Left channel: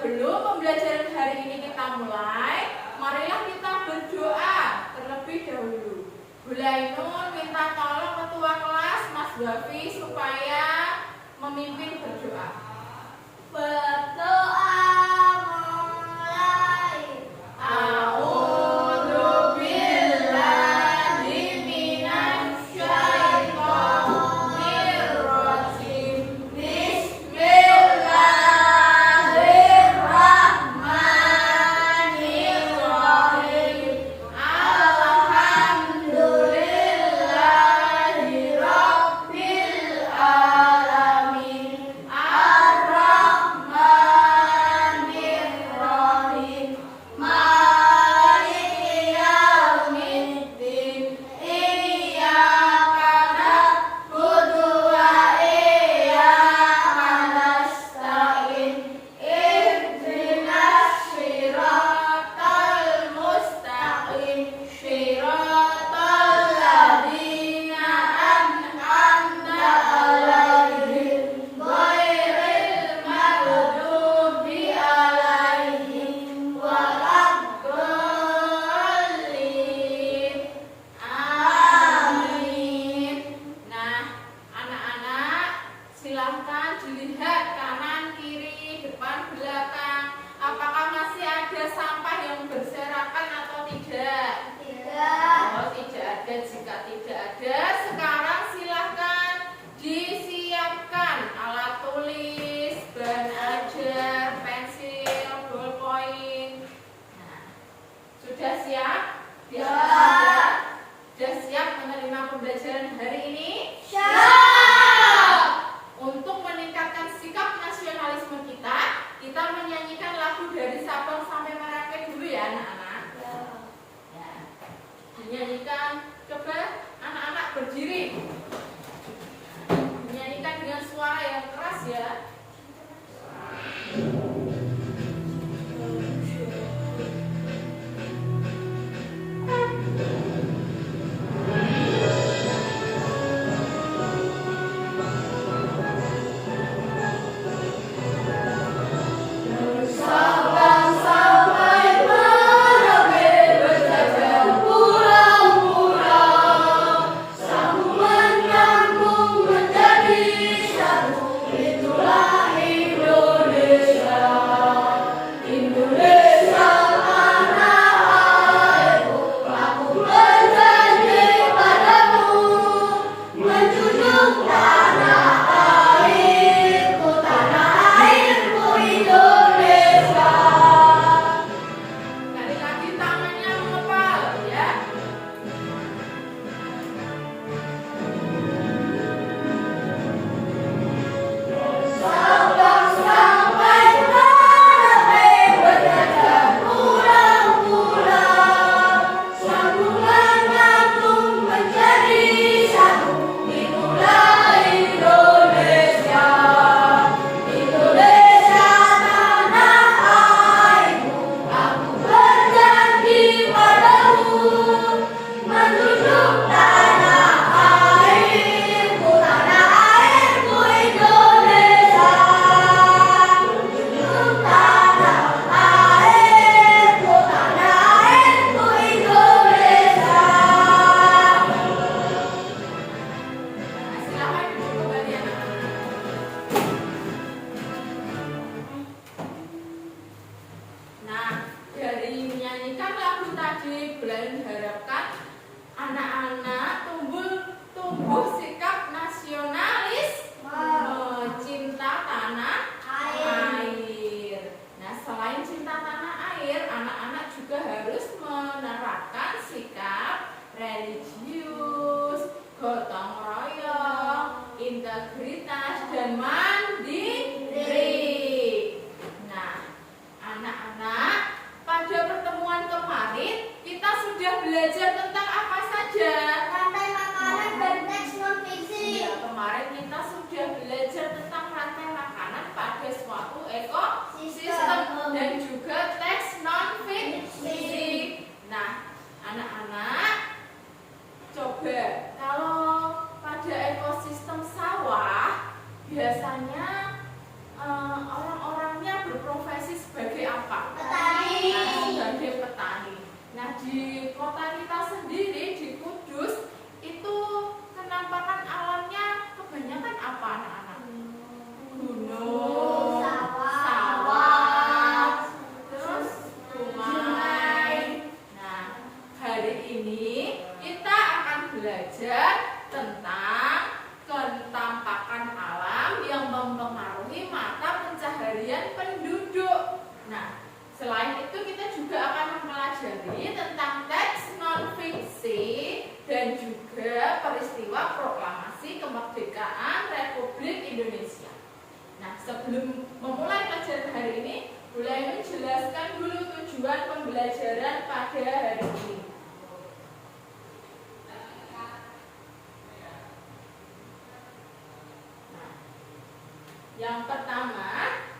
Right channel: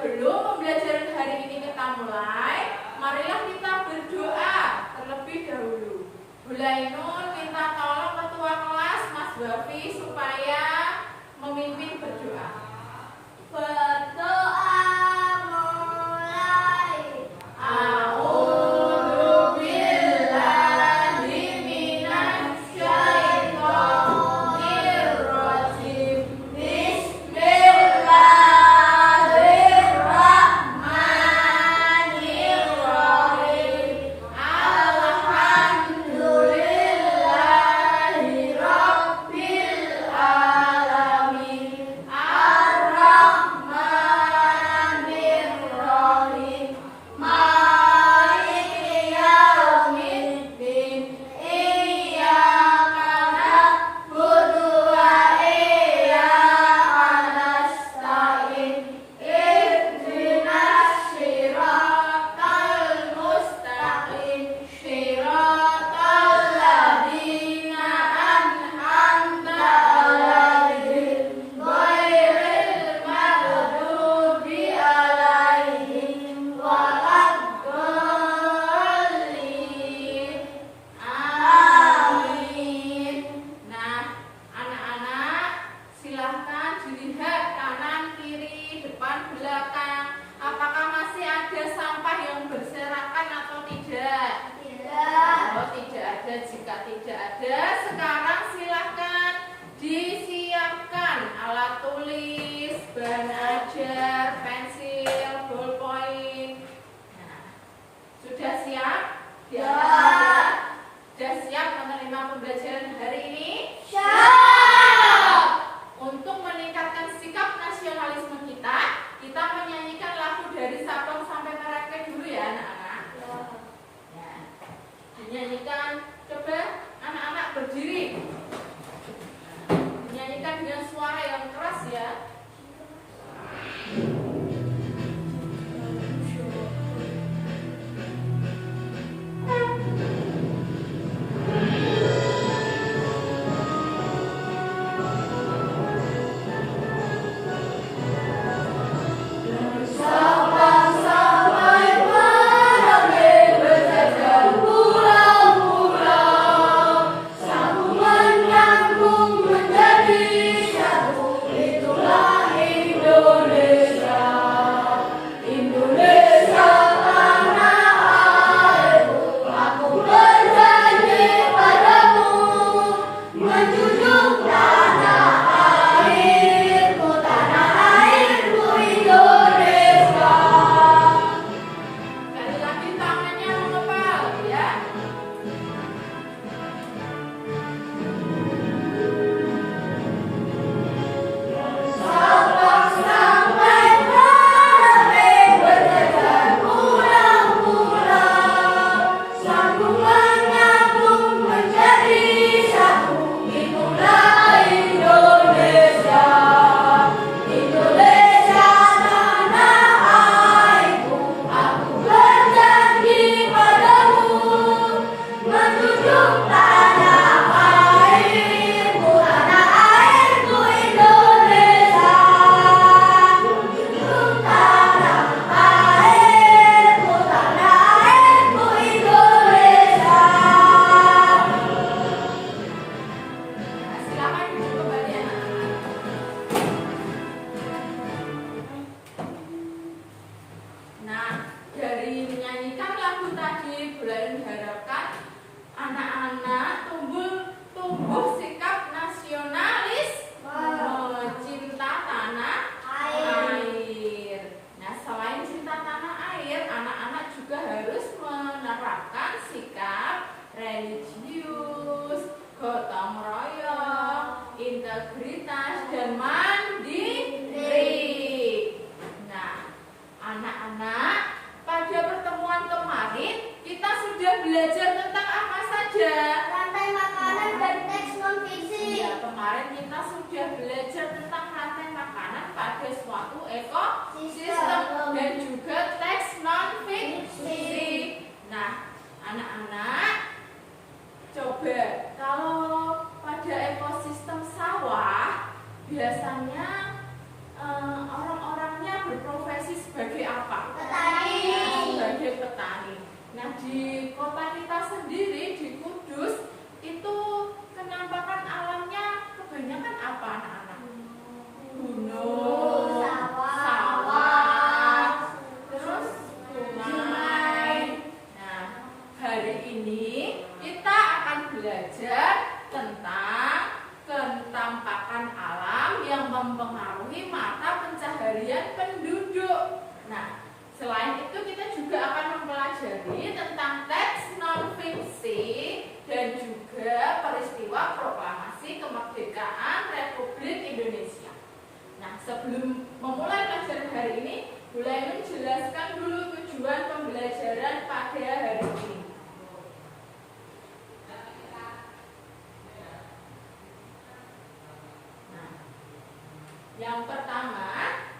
Sebelum pembelajaran hari ini kita mulai, marilah kita berdoa terlebih dahulu. Hulainun minta tolong ketua kelas Mas Wafi supaya memimpin berdoa. Berdoa mulai. Jika tidak ada, sekarang silahkan disiapkan alat tulis, bahan ajar, pensil, ballpoint. Nah, sudah siap? Sudah siap menerima pembelajaran hari ini? Siap. Untuk meningkatkan sikap nasionalisme kita menyanyikan lagu dari Sabang sampai Merauke dulu ya anak-anak. Ya. Dinyanyikan. Coba anak-anak berdiri. Menyanyikan dengan suara yang keras ya. Integritas dan mandiri. Nah, anak-anak, pada pertemuan kemarin kita sudah belajar tentang apa saja? Rantai makanan dan teks non fiksi. Ya, kemarin kita sudah belajar tentang rantai makanan pada suatu ekosistem dan juga teks non fiksi. Nah, anak-anak, coba kalau pada ekosistem sawah biasanya orang-orangnya berprofesi sebagai di kota kita sendiri di Kudus itu penampakan alamnya kebanyakan apa anak-anak? Gunung, sawah, terus sungai. Nah, hari ini kita akan belajar tentang penampakan alam yang mempengaruhi mata pencaharian penduduk. Nah, selain itu kita juga akan mempelajari tentang teks non-fiksi dan juga peristiwa proklamasi kemerdekaan Republik Indonesia. Nah, sebelum memulai pelajaran hari ini, Bu Lainun jelaskan dulu tujuan pembelajaran pada hari ini. Nah, yang pertama,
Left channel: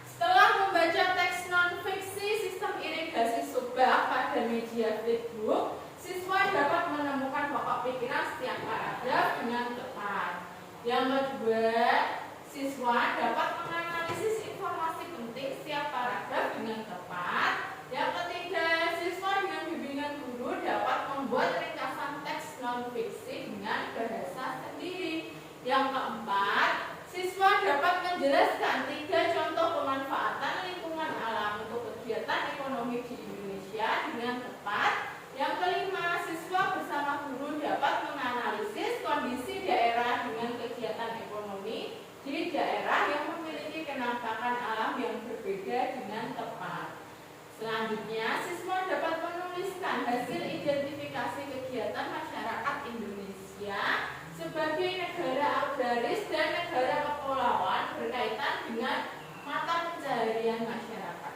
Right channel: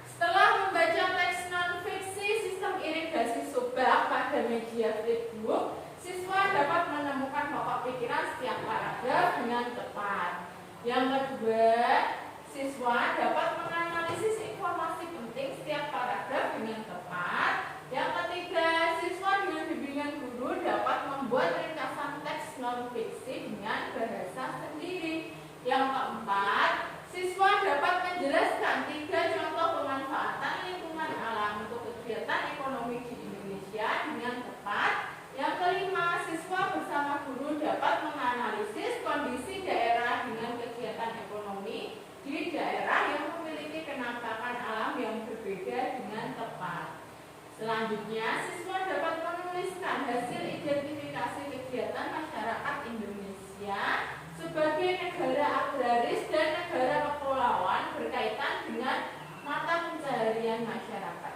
setelah membaca teks non-fiksi sistem irigasi subak pada media flipbook, siswa dapat menemukan pokok pikiran setiap paragraf dengan tepat. Yang kedua, siswa dapat menganalisis informasi penting setiap paragraf dengan tepat. Yang ketiga, siswa dengan bimbingan guru dapat membuat ringkasan teks non-fiksi dengan bahasa sendiri. Yang keempat, siswa dapat menjelaskan 3 contoh pemanfaatan lingkungan alam untuk kegiatan ekonomi di Indonesia dengan tepat. Yang kelima, siswa bersama guru dapat menganalisis kondisi daerah dengan kegiatan ekonomi di daerah yang memiliki penampakan alam yang berbeda dengan tepat. Selanjutnya, siswa dapat menuliskan hasil identifikasi kegiatan masyarakat Indonesia sebagai negara agraris dan negara kepulauan berkaitan dengan mata pencaharian masyarakat.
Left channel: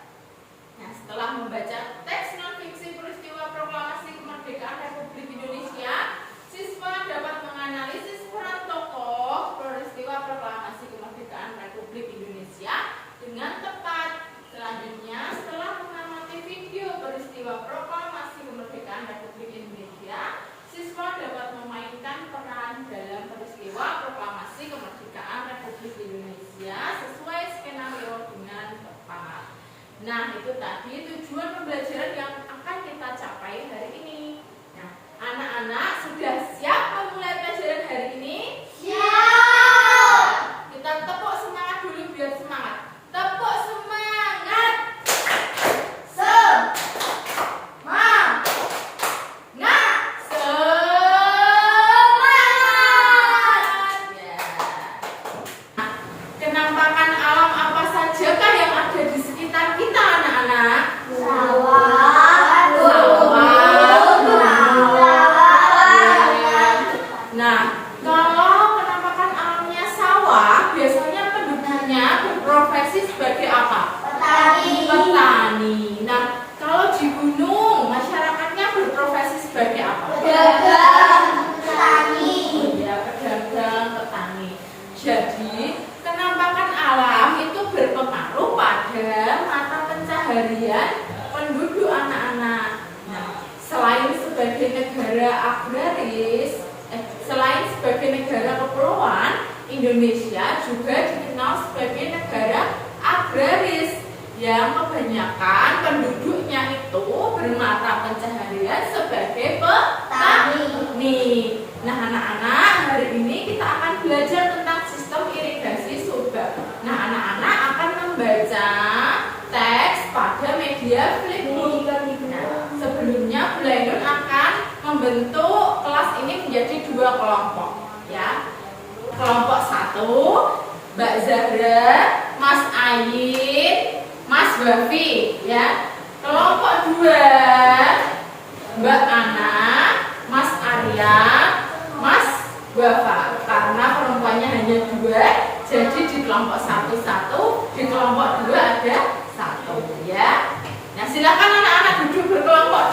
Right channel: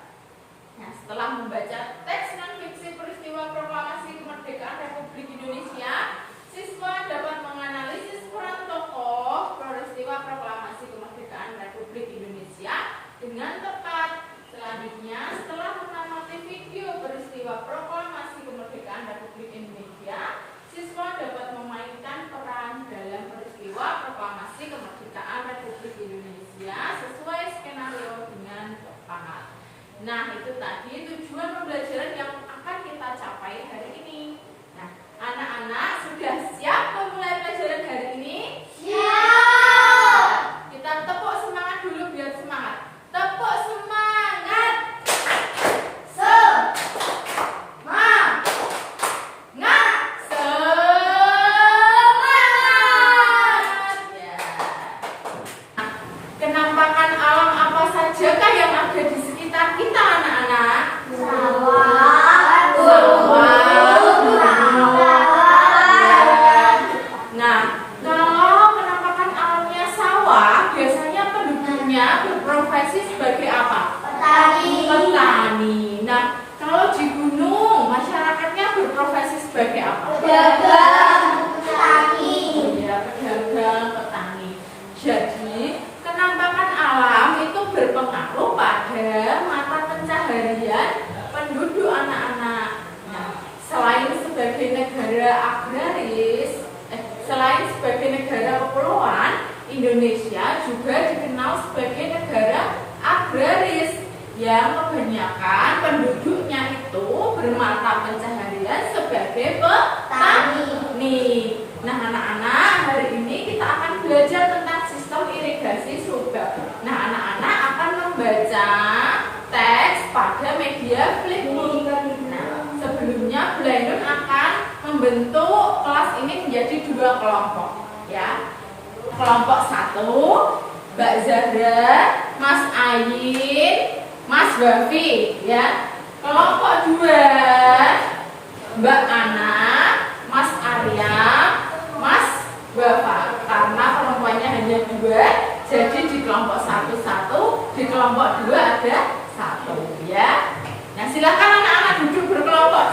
Nah, setelah membaca teks non-fiksi peristiwa proklamasi kemerdekaan Republik Indonesia, siswa dapat menganalisis peran tokoh peristiwa proklamasi kemerdekaan Republik Indonesia dengan tepat. Selanjutnya, setelah mengamati video peristiwa proklamasi kemerdekaan Republik Indonesia, siswa dapat memainkan peran dalam peristiwa proklamasi kemerdekaan Republik Indonesia sesuai skenario dengan tepat. Nah, itu tadi tujuan pembelajaran yang akan kita capai hari ini. Nah, anak-anak sudah siap memulai pelajaran hari ini? Siap. Kita tepuk semangat dulu biar semangat. Tepuk semangat. Penampakan alam apa sajakah yang ada di sekitar kita anak-anak? Nah, kalau penampakan alamnya sawah, biasanya penduduknya berprofesi sebagai apa? Petani. Nah, kalau di gunung, masyarakatnya berprofesi sebagai apa? Pedagang, petani. Ya, pedagang, petani. Jadi, penampakan alam itu berpengaruh pada mata pencaharian penduduk anak-anak. Nah, selain sebagai negara agraris, selain sebagai negara kepulauan, Indonesia juga dikenal sebagai negara agraris yang kebanyakan penduduknya itu bermata pencaharian sebagai petani. Nah, anak-anak, hari ini kita akan belajar tentang sistem irigasi subak. Nah, anak-anak akan membaca teks pada media flipbook. Nah, sebelumnya Bu Lainun akan membentuk kelas ini menjadi 2 kelompok, ya. Kelompok 1, Mbak Zahra, Mas Ayin, Mas Wafi, ya. Kelompok 2, Mbak Ana, Mas Arya, Mas Wafa. Karena perempuannya hanya 2, jadi di kelompok 1 1, di kelompok 2 ada 1, ya. Nah, silakan anak-anak duduk berkelompok.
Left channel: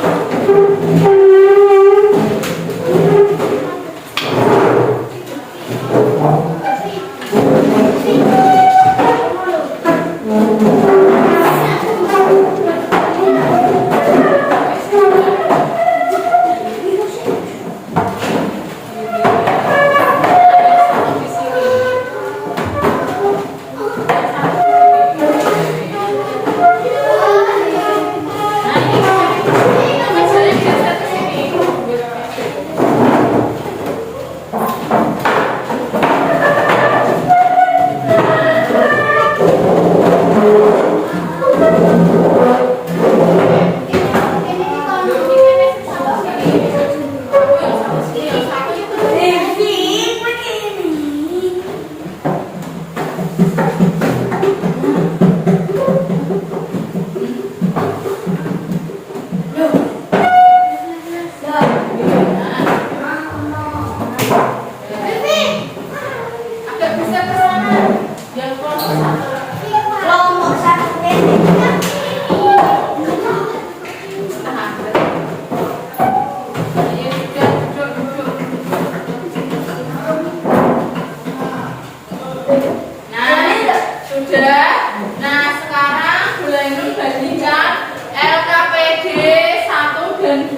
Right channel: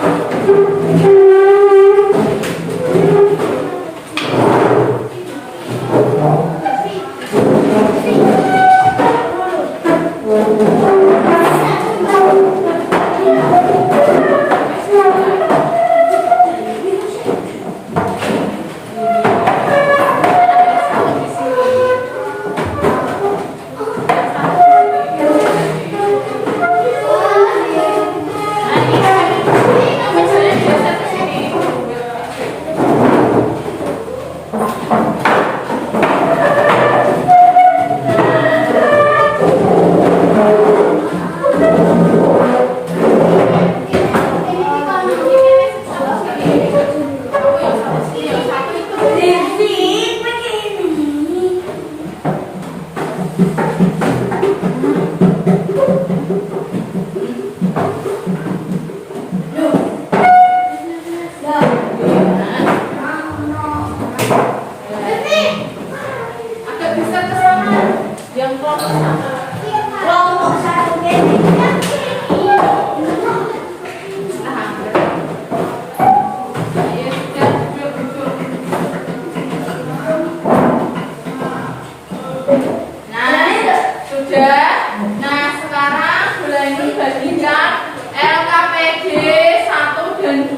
LKPD 1 dan 2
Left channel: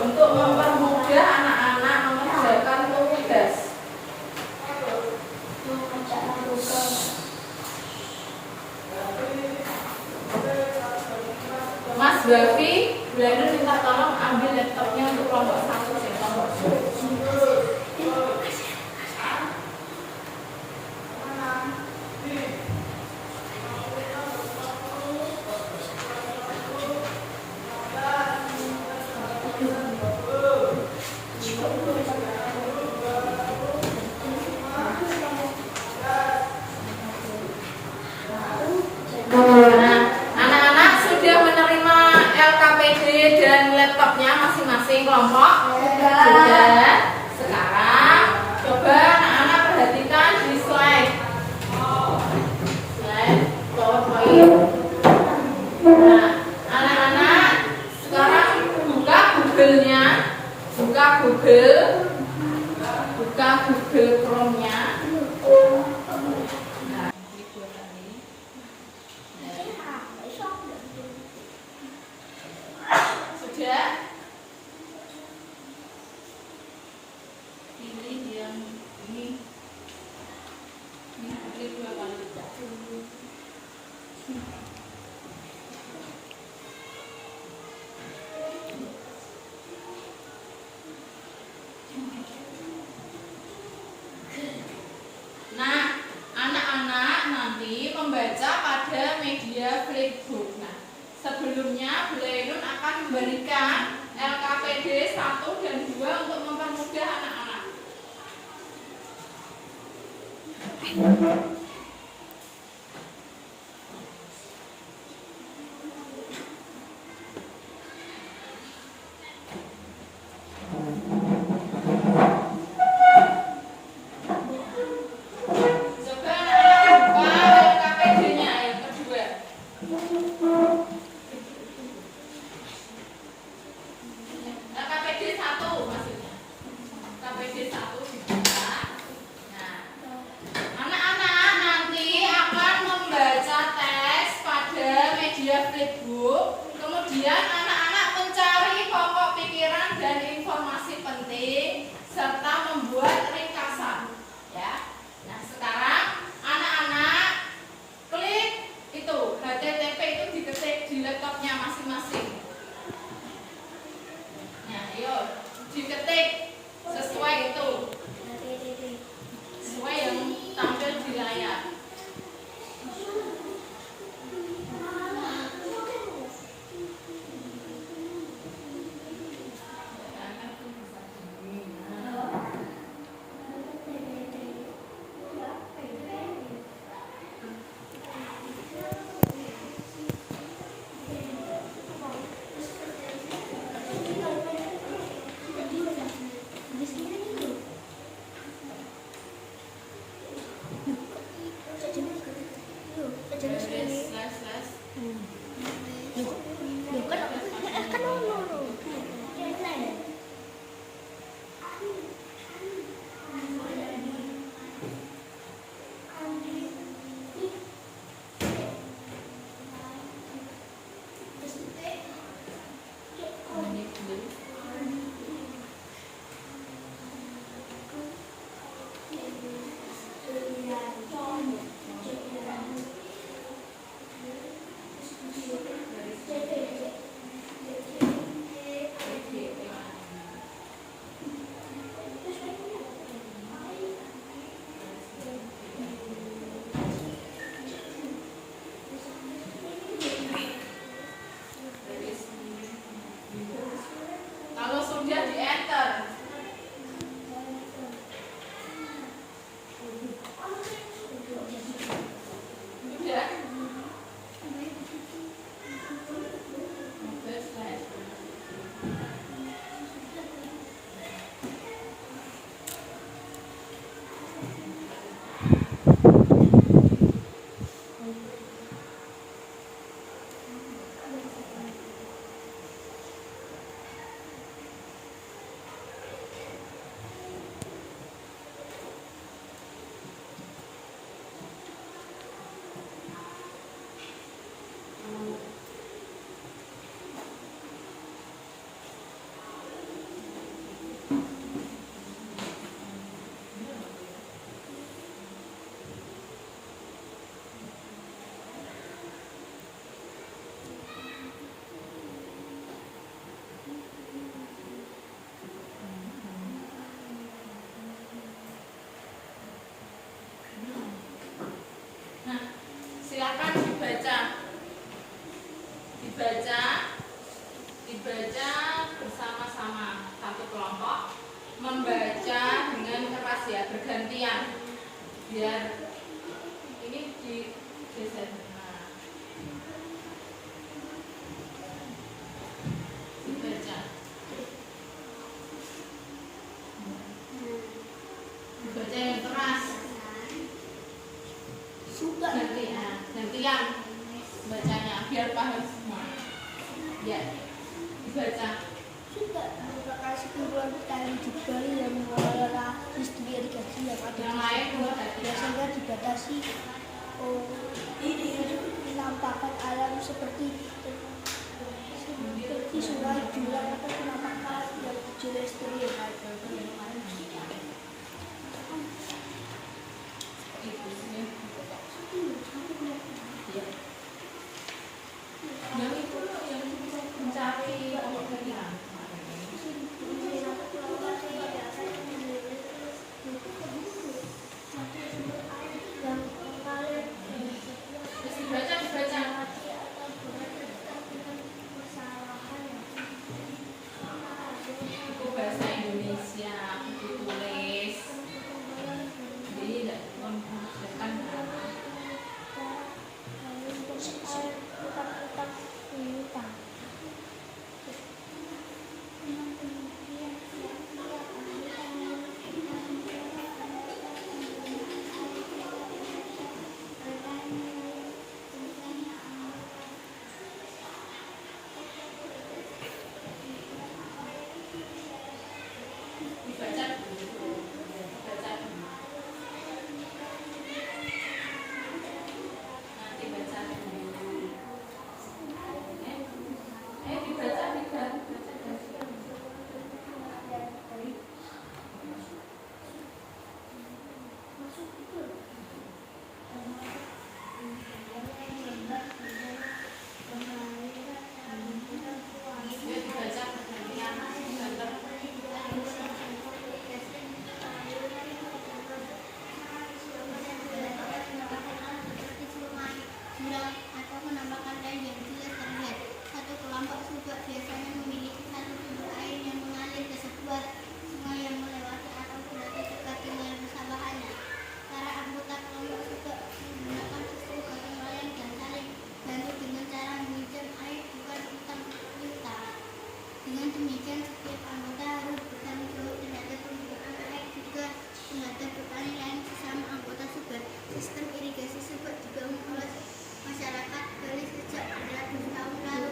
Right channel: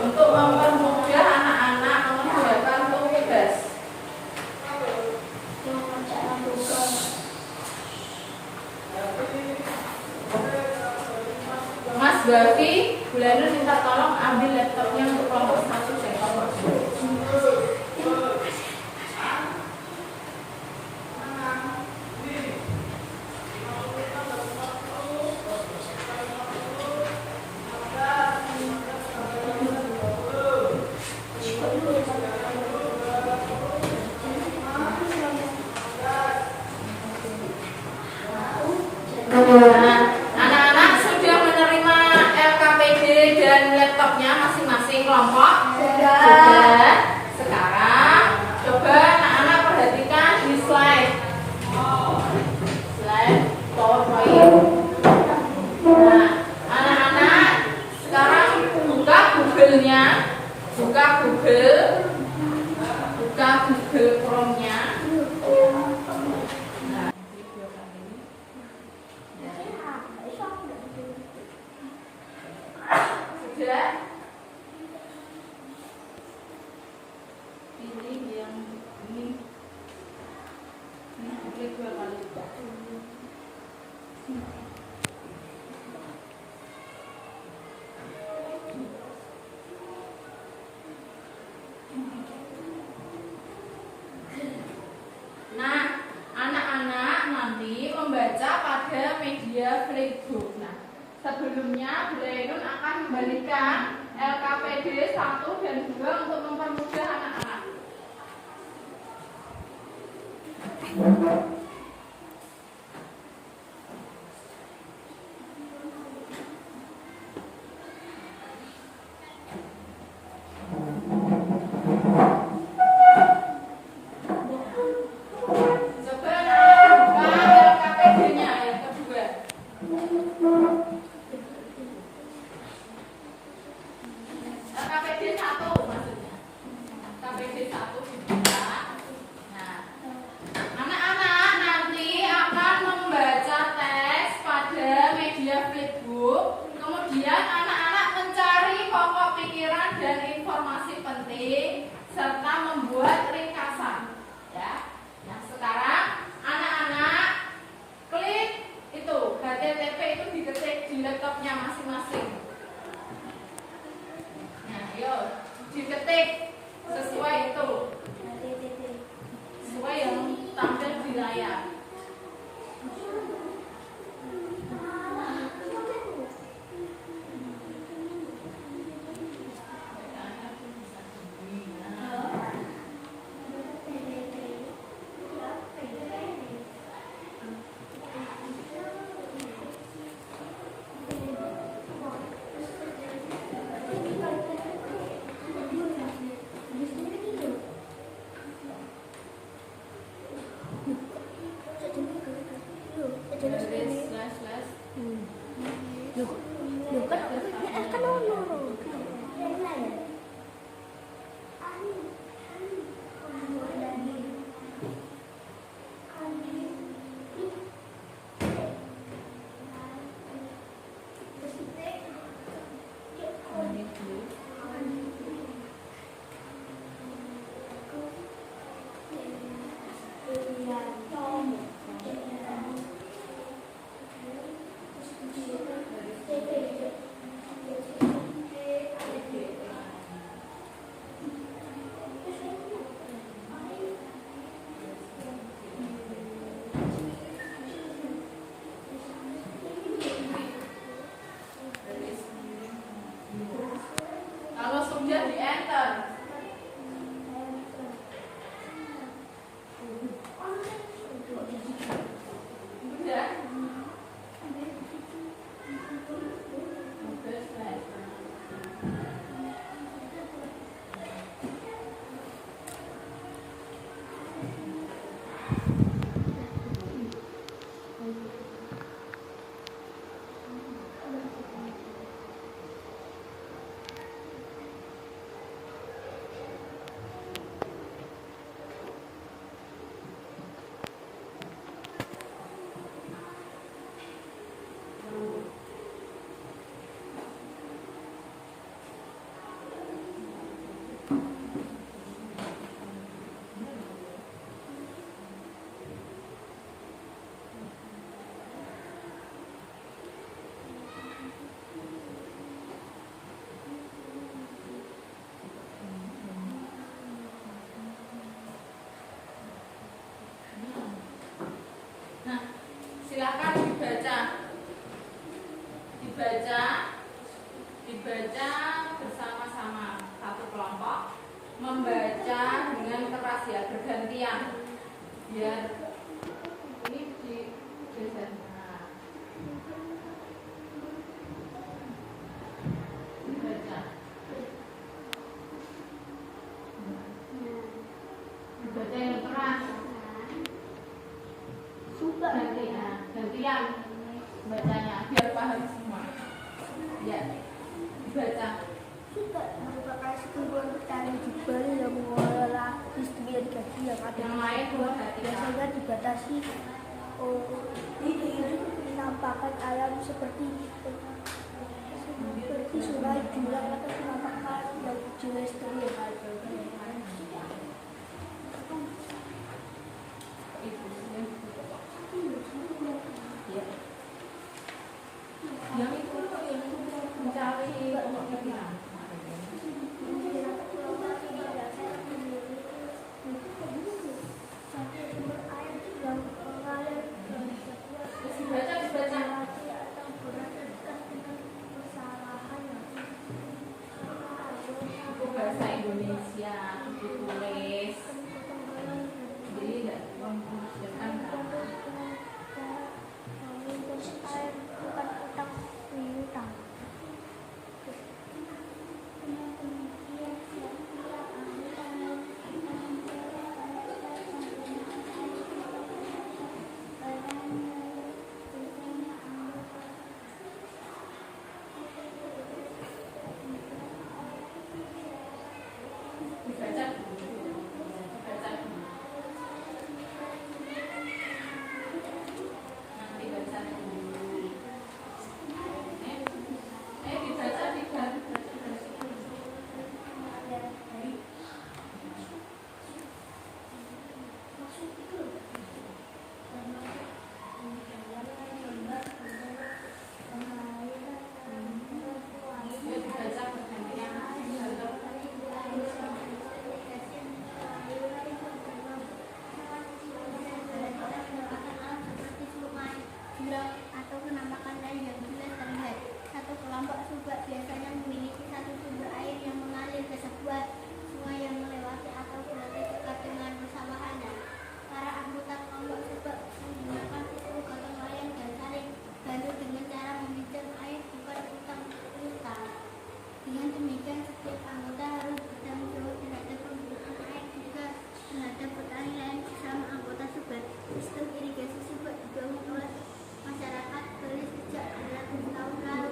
untuk mempermudah anak-anak mengerjakan tugas. Mas Bafi, Bu Lainun minta tolong ambil laptopnya untuk kelompok 1 dan kelompok 2. Nah, anak-anak sudah menerima LKPD dan laptopnya masing-masing kelompok? Sudah. Sekarang coba anak-anak perhatikan di slide. Slide PowerPoint. Nah, anak-anak sekarang buka Google-nya, buka Google Chrome-nya. Nah, klik 2 kali. Sudah? Pilih yang ini. Ini klik 2 kali. Nah, anak-anak nanti membaca pada media Flipbook. Nah, sebelumnya Bu Lainun akan memberikan LKPD 1 dan 2 untuk mempermudah anak-anak. Coba anak-anak buka LKPD-nya yang kedua. LKPD 1 maksudnya. LKPD 1 dibuka. Nah, anak-anak nanti akan membaca teks pada media Flipbook. Kemudian anak-anak mencari pokok pikiran dan informasi penting serta membuat ringkasan. Ya. Nah, sekarang anak-anak klik itu HTTP itu diketik di laptopnya masing-masing. Nah, ayo diketik sesuai itu. Sesuai yang tampil di layar. membaca bersama-sama satu kelompok, membaca dengan keras ya, bergantian biar ini di geser. Nah, dibaca yang keras, gantian bacanya biar paham semua ya. Dibaca. Suka merupakan sekumpulan petani di Bali yang mengelola industri irigasi yang ada Yang di lain sebuah dua tadi. biasanya dibatasi penampakan alam seperti sungai, jurang atau penampakan yang geometris. Yang itu yang mencari pokok pikiran. Yang mengalir Dibaca. Bahasa Indonesia, buku tulis. Jadi tidak memperhatikan. atau penampakan lain yang jelas terlihat. Satu kelompok subak biasanya memiliki satu sumber air yang mengalir ke sebuah sungai yang melewati atau berada dekat dengan persawahannya. Para anggota kelompok subak menggunakan sepuluh gotong royong dan saling bantu dengan cara meminjam air bukan utang piutang. Dengan demikian, setiap anggota harus bertanggung jawab terhadap penggunaan air juga terhadap petani lain sesama anggota subak. Sistem irigasi subak dibangun oleh masyarakat Bali sejak beratus tahun lalu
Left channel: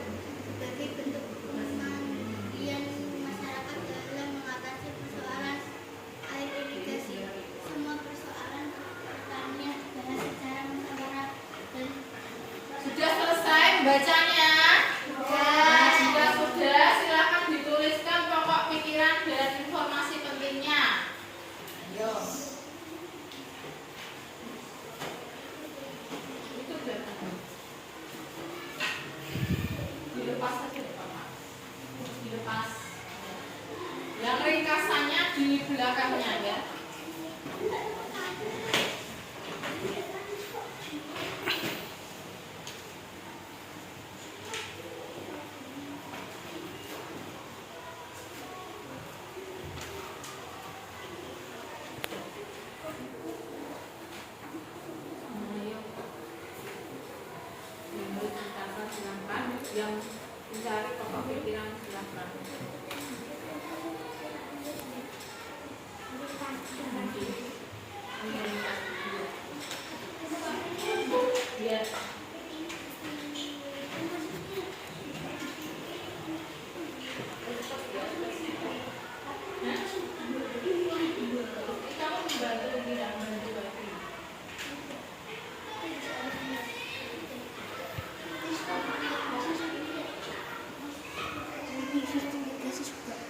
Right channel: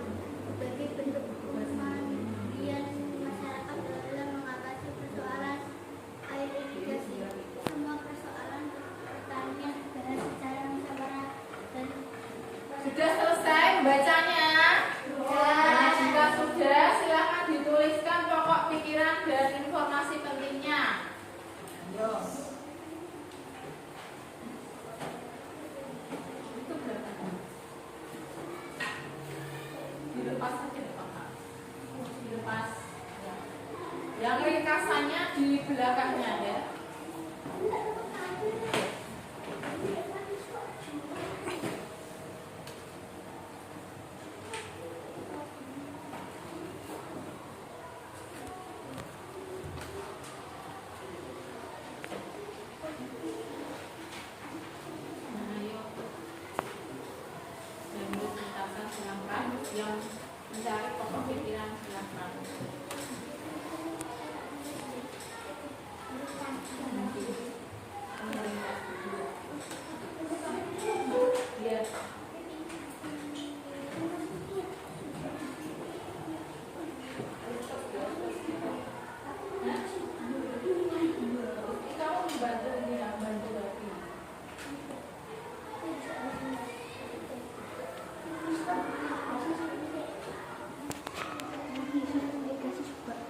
sebagai bentuk kemandirian masyarakat dalam mengatasi persoalan air irigasi. Semua persoalan pertanian dibahas secara musyawarah dan Sudah selesai membacanya? Nah, jika sudah, silakan dituliskan pokok pikiran dan informasi pentingnya. Ayo. Itu belakang. Dilepas aja, Bapak. Dilepas. Yang ringkasannya di belakangnya ya. Yang mencari pokok pikiran silakan. Biar kamu membantu tidak membantu lagi. sistem irigasi juga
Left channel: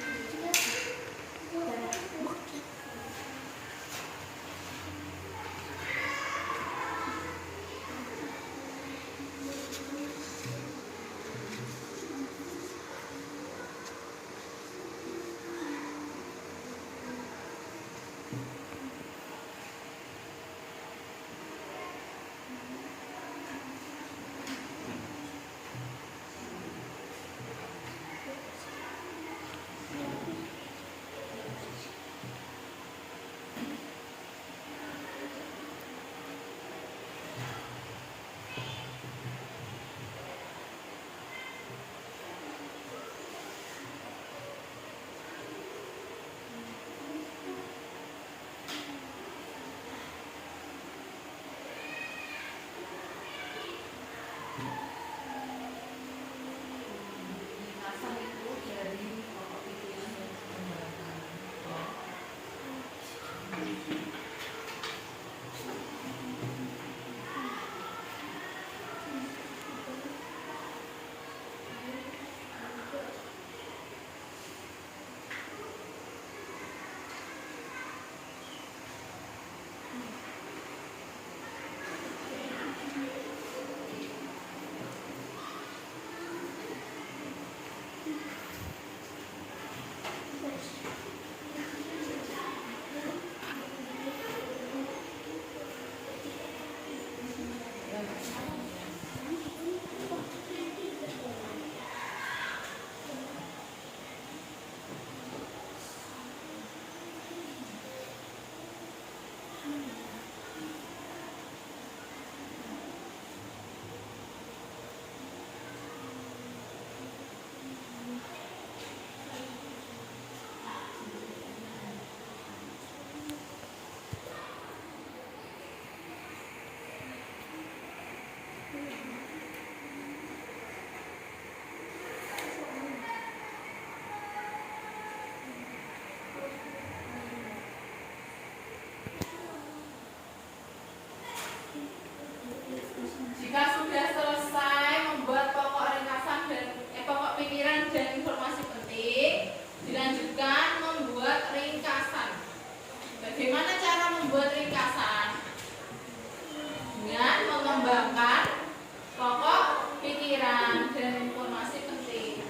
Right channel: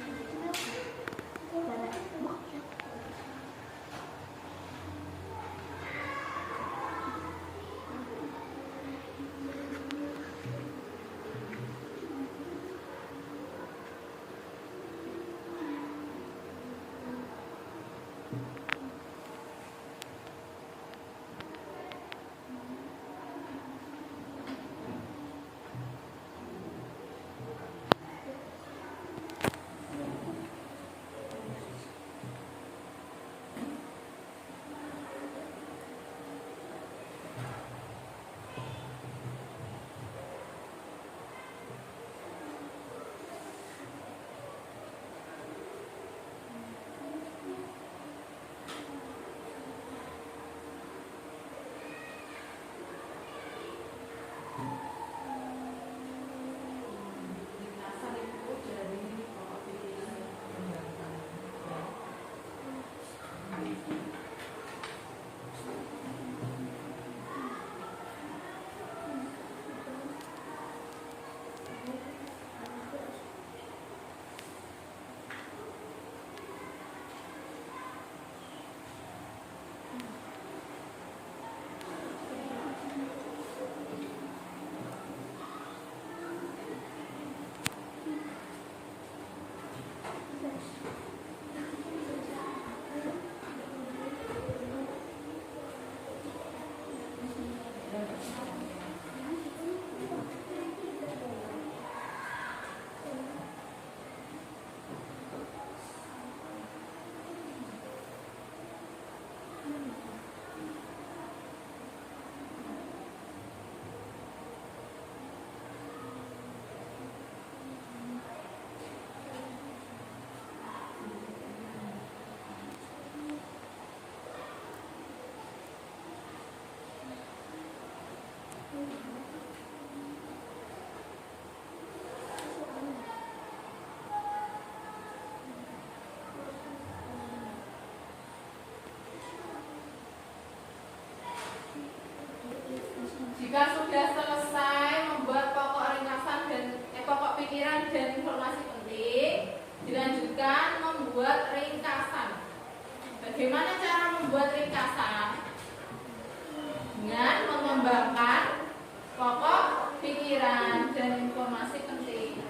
sudah selesai membuat pokok ringkasan dan pokok pikiran dan informasi penting, dilanjutkan membuat ringkasan. Bagaimana cara membuat ringkasan? Dengan mengembangkan pokok pikiran dan informasi penting.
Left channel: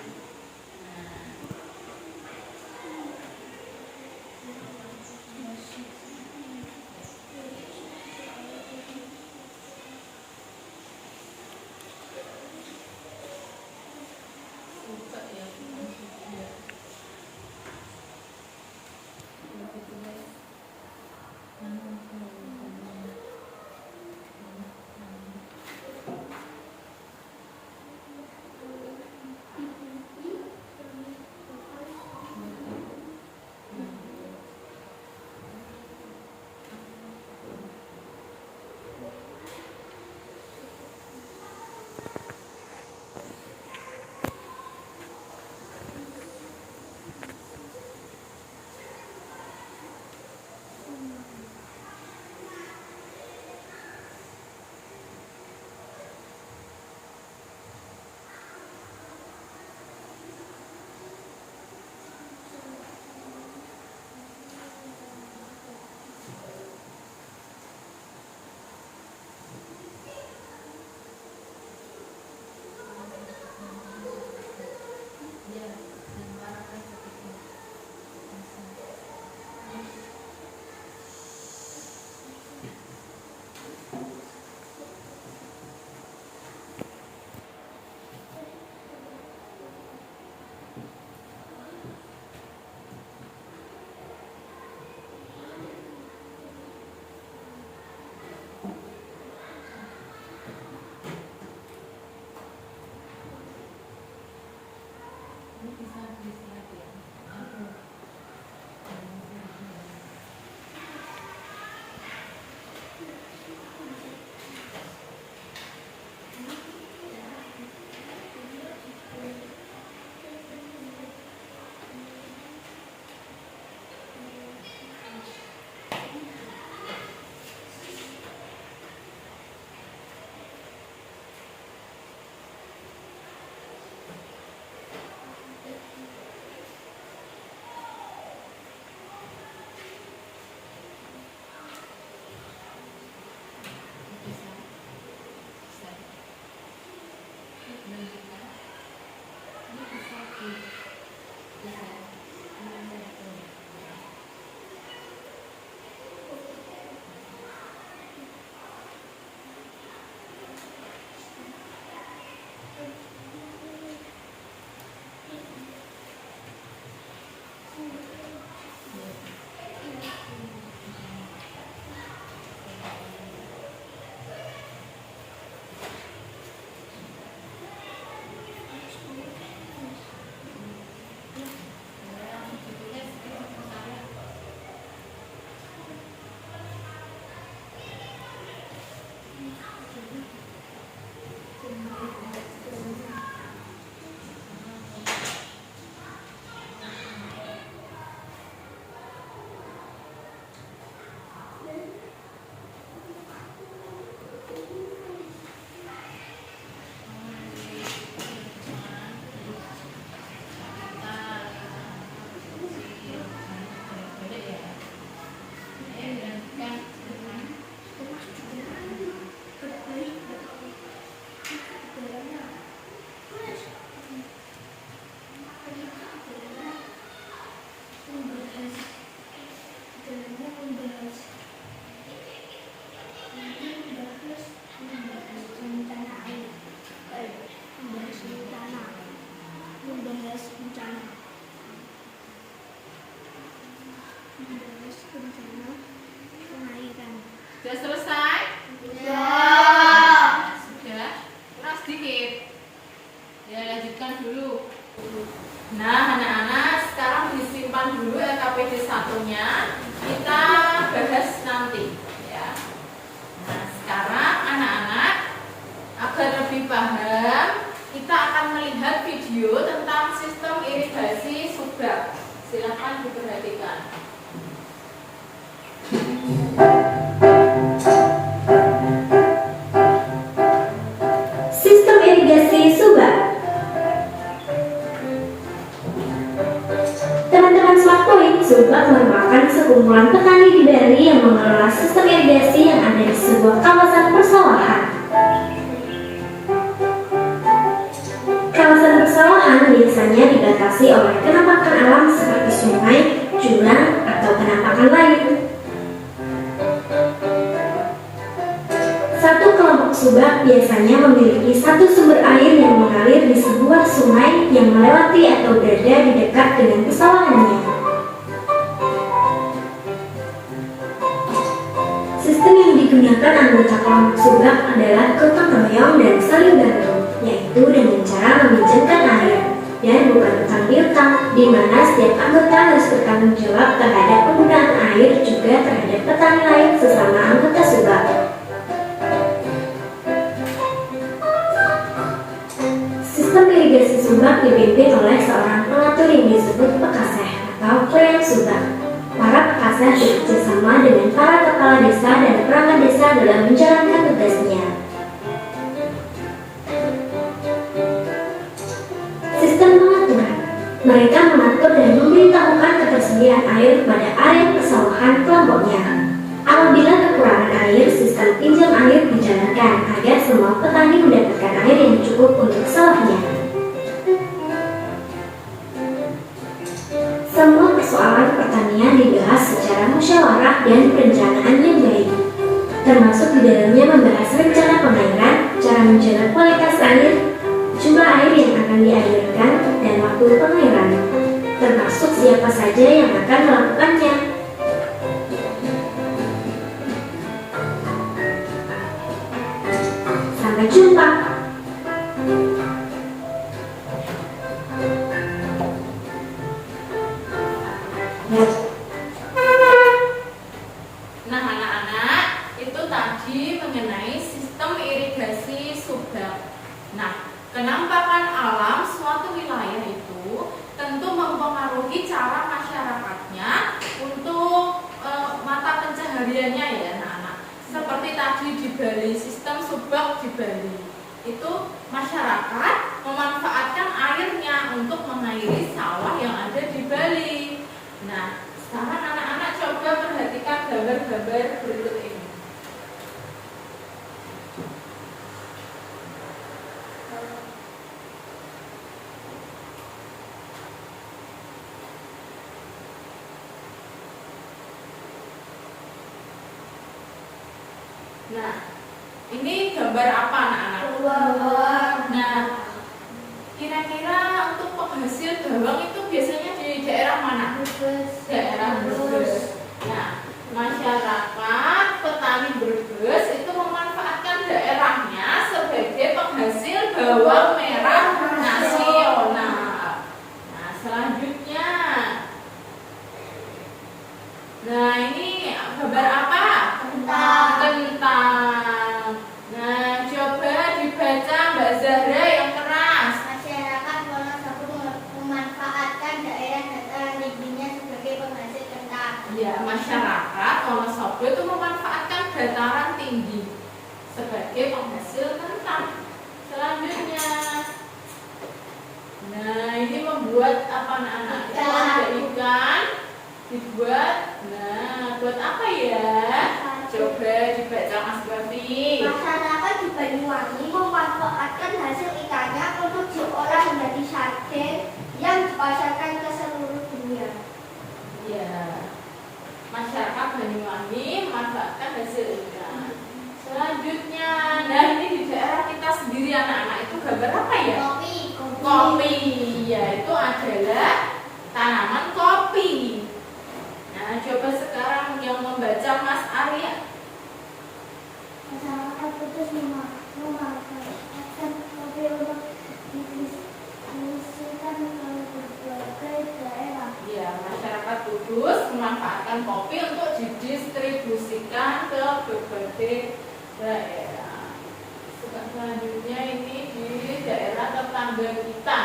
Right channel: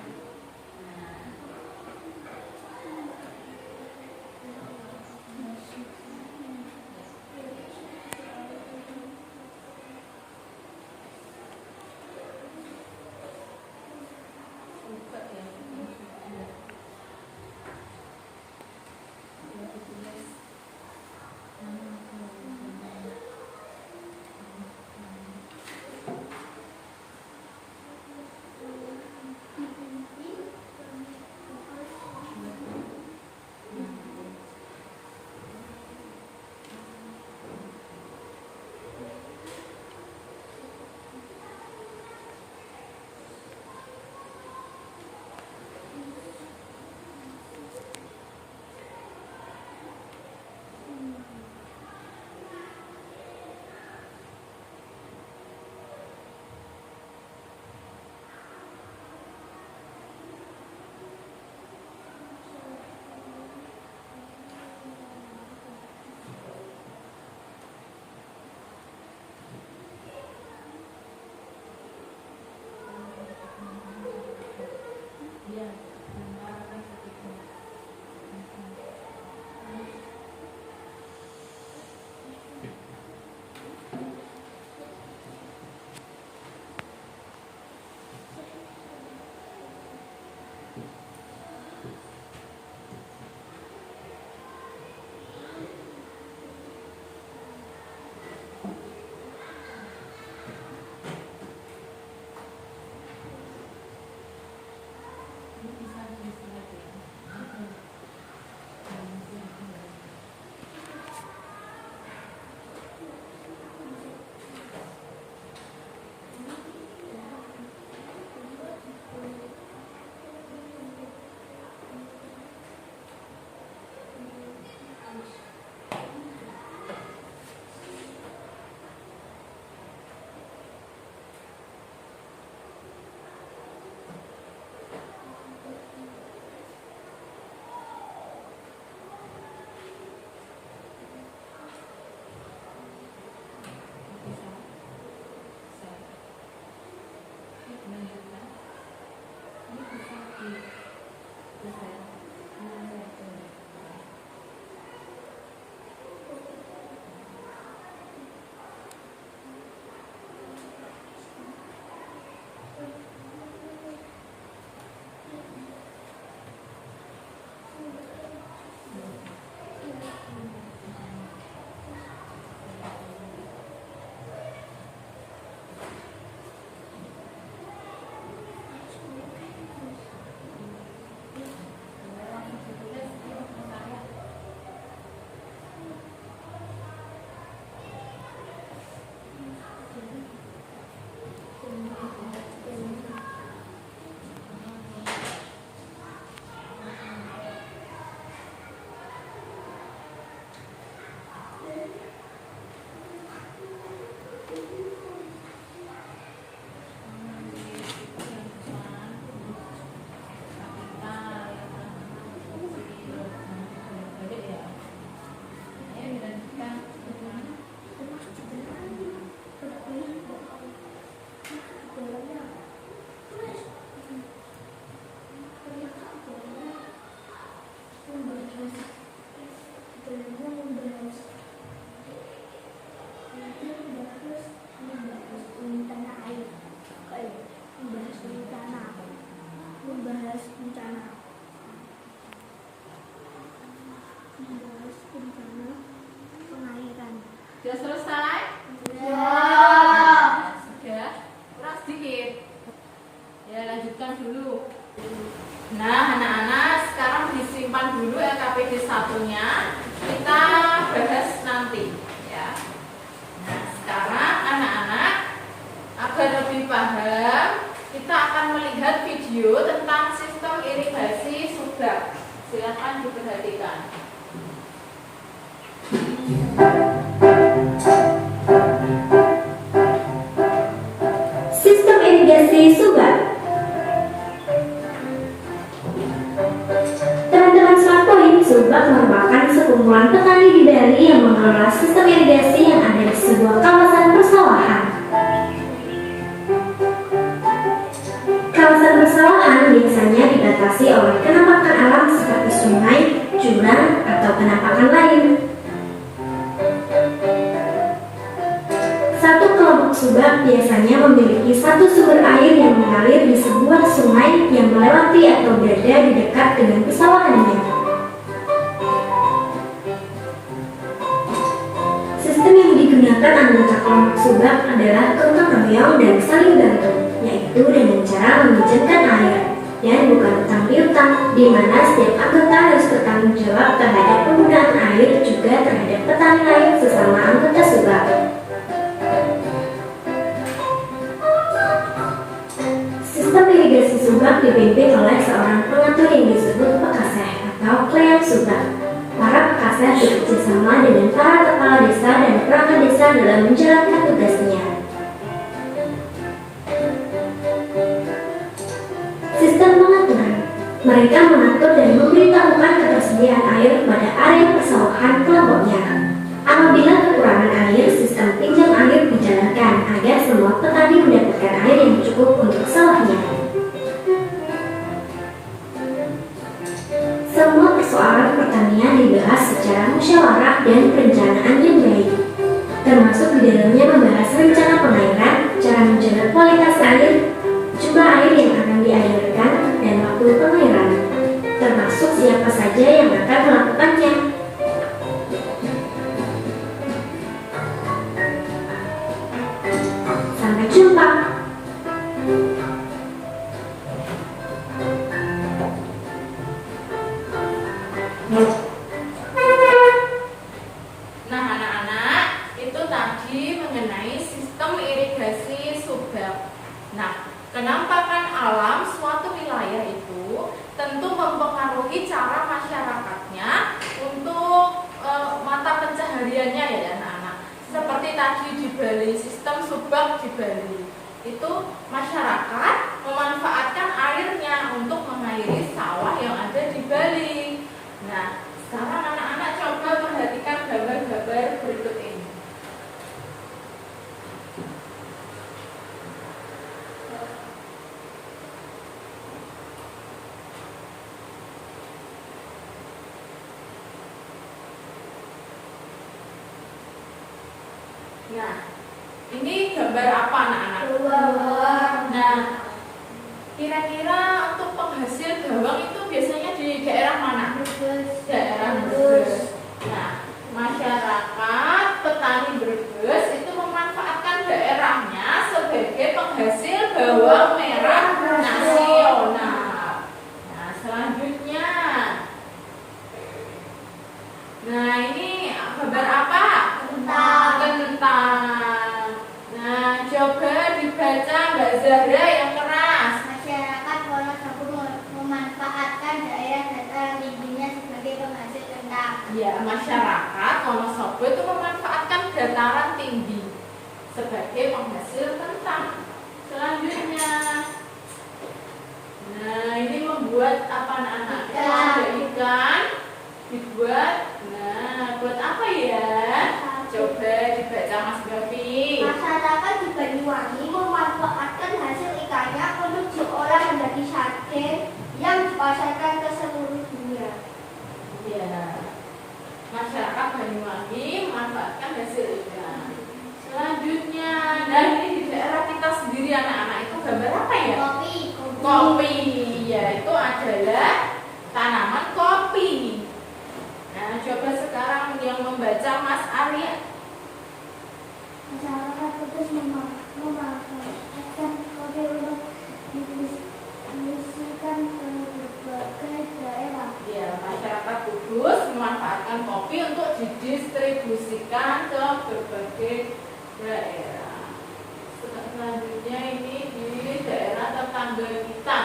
Sudah selesai? Ya. Sudah? Kurang sedikit. Ya, lanjutkan dulu. Nah, anak-anak, sekarang disimpan dulu LKPD 1-nya. Kita bahas nanti, ya. Nah, sekarang anak-anak, agar lebih paham, kita akan melihat video tentang sistem irigasi subak. Silakan diperhatikan. sekumpulan petani di Bali yang mengelola sistem irigasi yang ada di sebuah kawasan persawahan. Kawasan persawahan biasanya dibatasi oleh penampakan alam seperti sungai, jurang, atau penampakan lain. Satu kelompok subak biasanya memiliki satu sumber air yang mengalir di sebuah sungai yang melewati atau berada di dekat dengan persawahannya. Sistem yang digunakan anggota kelompok subak adalah gotong royong dan saling bantu, yaitu dengan cara meminjamkan air dan bukan utang piutang, di mana setiap anggota harus bertanggung jawab terhadap penggunaan air juga terhadap petani lain sesama anggota subak. Sistem irigasi subak dipimpin oleh seorang pengatur yang disebut pekaseh atau klean subak. Para pekaseh bekerjasama dengan para kepala desa dan perangkat desa dalam menjalankan tugasnya. Sistem pengaturan. Mereka mengatur dan memberitahukan ketersediaan air pada area persawahan kelompoknya. Apabila kekurangan air, sistem pinjam air dijalankan agar semua petani mendapatkan air yang cukup untuk sawahnya. Semua persoalan pertanian dibahas secara musyawarah dan perencanaan yang baik, termasuk di dalamnya membahas rencana pengairan, cara menjaga kualitas air, jumlah air yang akan dialirkan, dan waktu pengairan, termasuk siapa saja yang akan melakukannya. Sampai jumpa. Nah, anak-anak, itu tadi mengenai sistem irigasi subak. Nah, kenampakan alam suatu wilayah itu tentu mempengaruhi cara masyarakatnya untuk mata pencahariannya ya anak-anak. Seperti tadi di Bali, sistem subak di Bali itu masyarakat memanfaatkan airnya untuk mengairi sawah yang ada di Bali. Nah, sekarang anak-anak coba perhatikan gambar-gambar berikut ini. Nah, ini gambar apa anak-anak? Nah, kira-kira untuk penghasil bawang itu biasanya di daerah mana? Daerah Brebes. Nah, masyarakat petani Brebes itu memanfaatkan daerahnya sebagai penghasil bawang merah nasional. Nah, selanjutnya, nah ini gambar apa? Kentang. Nah, coba dibaca Mbak Zahra yang keras. Masyarakat Wonosobo memanfaatkan daerah dataran tingginya sebagai penghasil kentang. Ya, masyarakat Wonosobo itu memanfaatkan dataran tinggi sebagai penghasil kentang. Selanjutnya, nah ini membuat apa anak-anak? Ada ikan dibuat. Nah, buat apa ya? Coba dibaca Mas Gavi. Masyarakat di Banyuwangi memanfaatkan hasil ikannya untuk diolah menjadi sate yang dipasarkan ke seluruh dunia. Ya, masyarakat Banyuwangi memanfaatkan hasil ikan. Selanjutnya, nah ini di daerah kita sendiri anak-anak itu gambar apa ya? Kopi. Ya, itu adalah tanaman kopi. Nah, coba sekarang yang membaca Mas Arya. Masyarakat Kudus memanfaatkan kopi untuk didistribusikan ke berbagai daerah. Ya, masyarakat Kudus memanfaatkan kopi untuk didistribusikan ke berbagai daerah. Selanjutnya ini di daerah tetangga kita.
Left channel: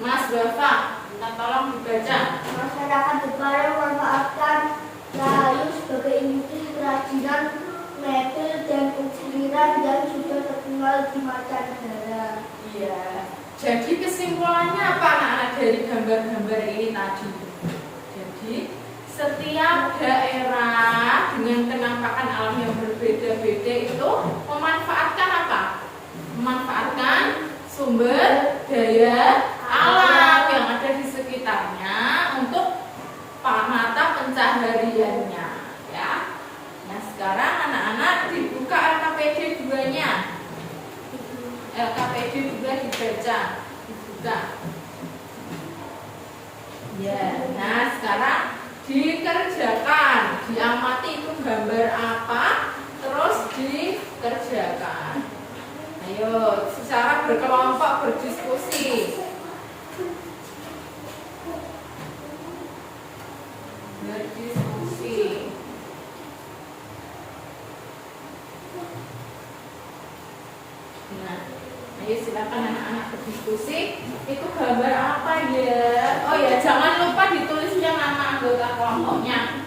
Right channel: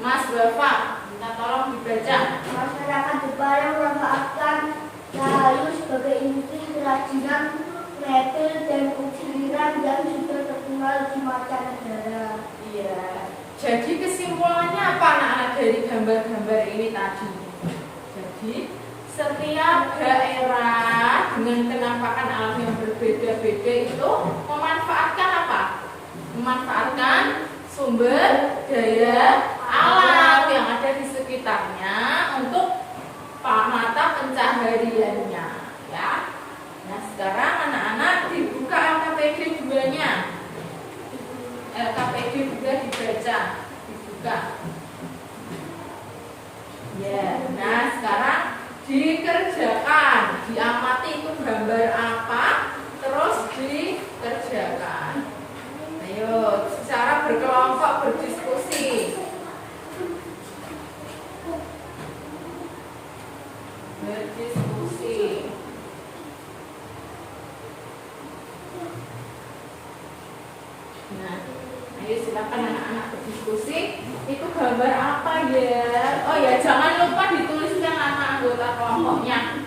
Mas Bapak, minta tolong dibaca. Masyarakat Jepara memanfaatkan Rahayu sebagai industri kerajinan, metal dan ukiran dan juga terkenal di mancanegara. Iya. Jadi kesimpulannya apa anak-anak dari gambar-gambar ini tadi? Jadi setiap daerah dengan penampakan alam yang berbeda-beda itu memanfaatkan apa? Memanfaatkan sumber daya alam yang ada di sekitarnya untuk mata pencahariannya, ya. Nah, sekarang anak-anak dibuka LKPD 2-nya. LKPD juga dibaca, dibuka. Ya, nah sekarang dikerjakan, diamati itu gambar apa, terus dikerjakan. Ayo, secara berkelompok berdiskusi. Berdiskusi. Nah, ayo silakan anak-anak berdiskusi. Itu gambar apa ya? Oh ya, jangan lupa ditulis yang anak anggota kelompoknya.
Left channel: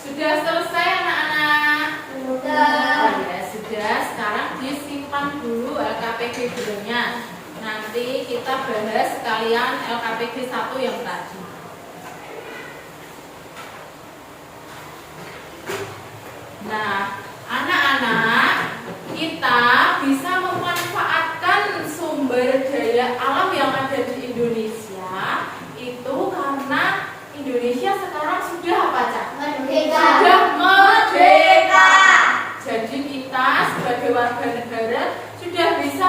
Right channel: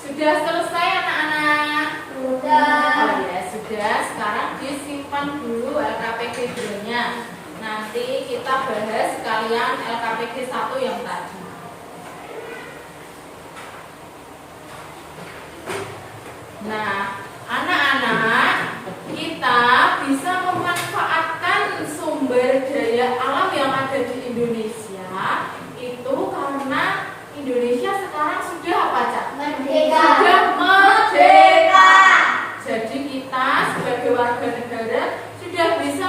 Sudah selesai anak-anak? Sudah. Oh ya, sudah. Sekarang disimpan dulu LKPD-nya. Nanti kita bahas sekalian LKPD 1 yang tadi. Nah, anak-anak, kita bisa memanfaatkan sumber daya alam yang ada di Indonesia itu karena Indonesia sekarang sudah apa, Cak? Merdeka. Sudah merdeka. Jadi kita sebagai warga negara sudah bisa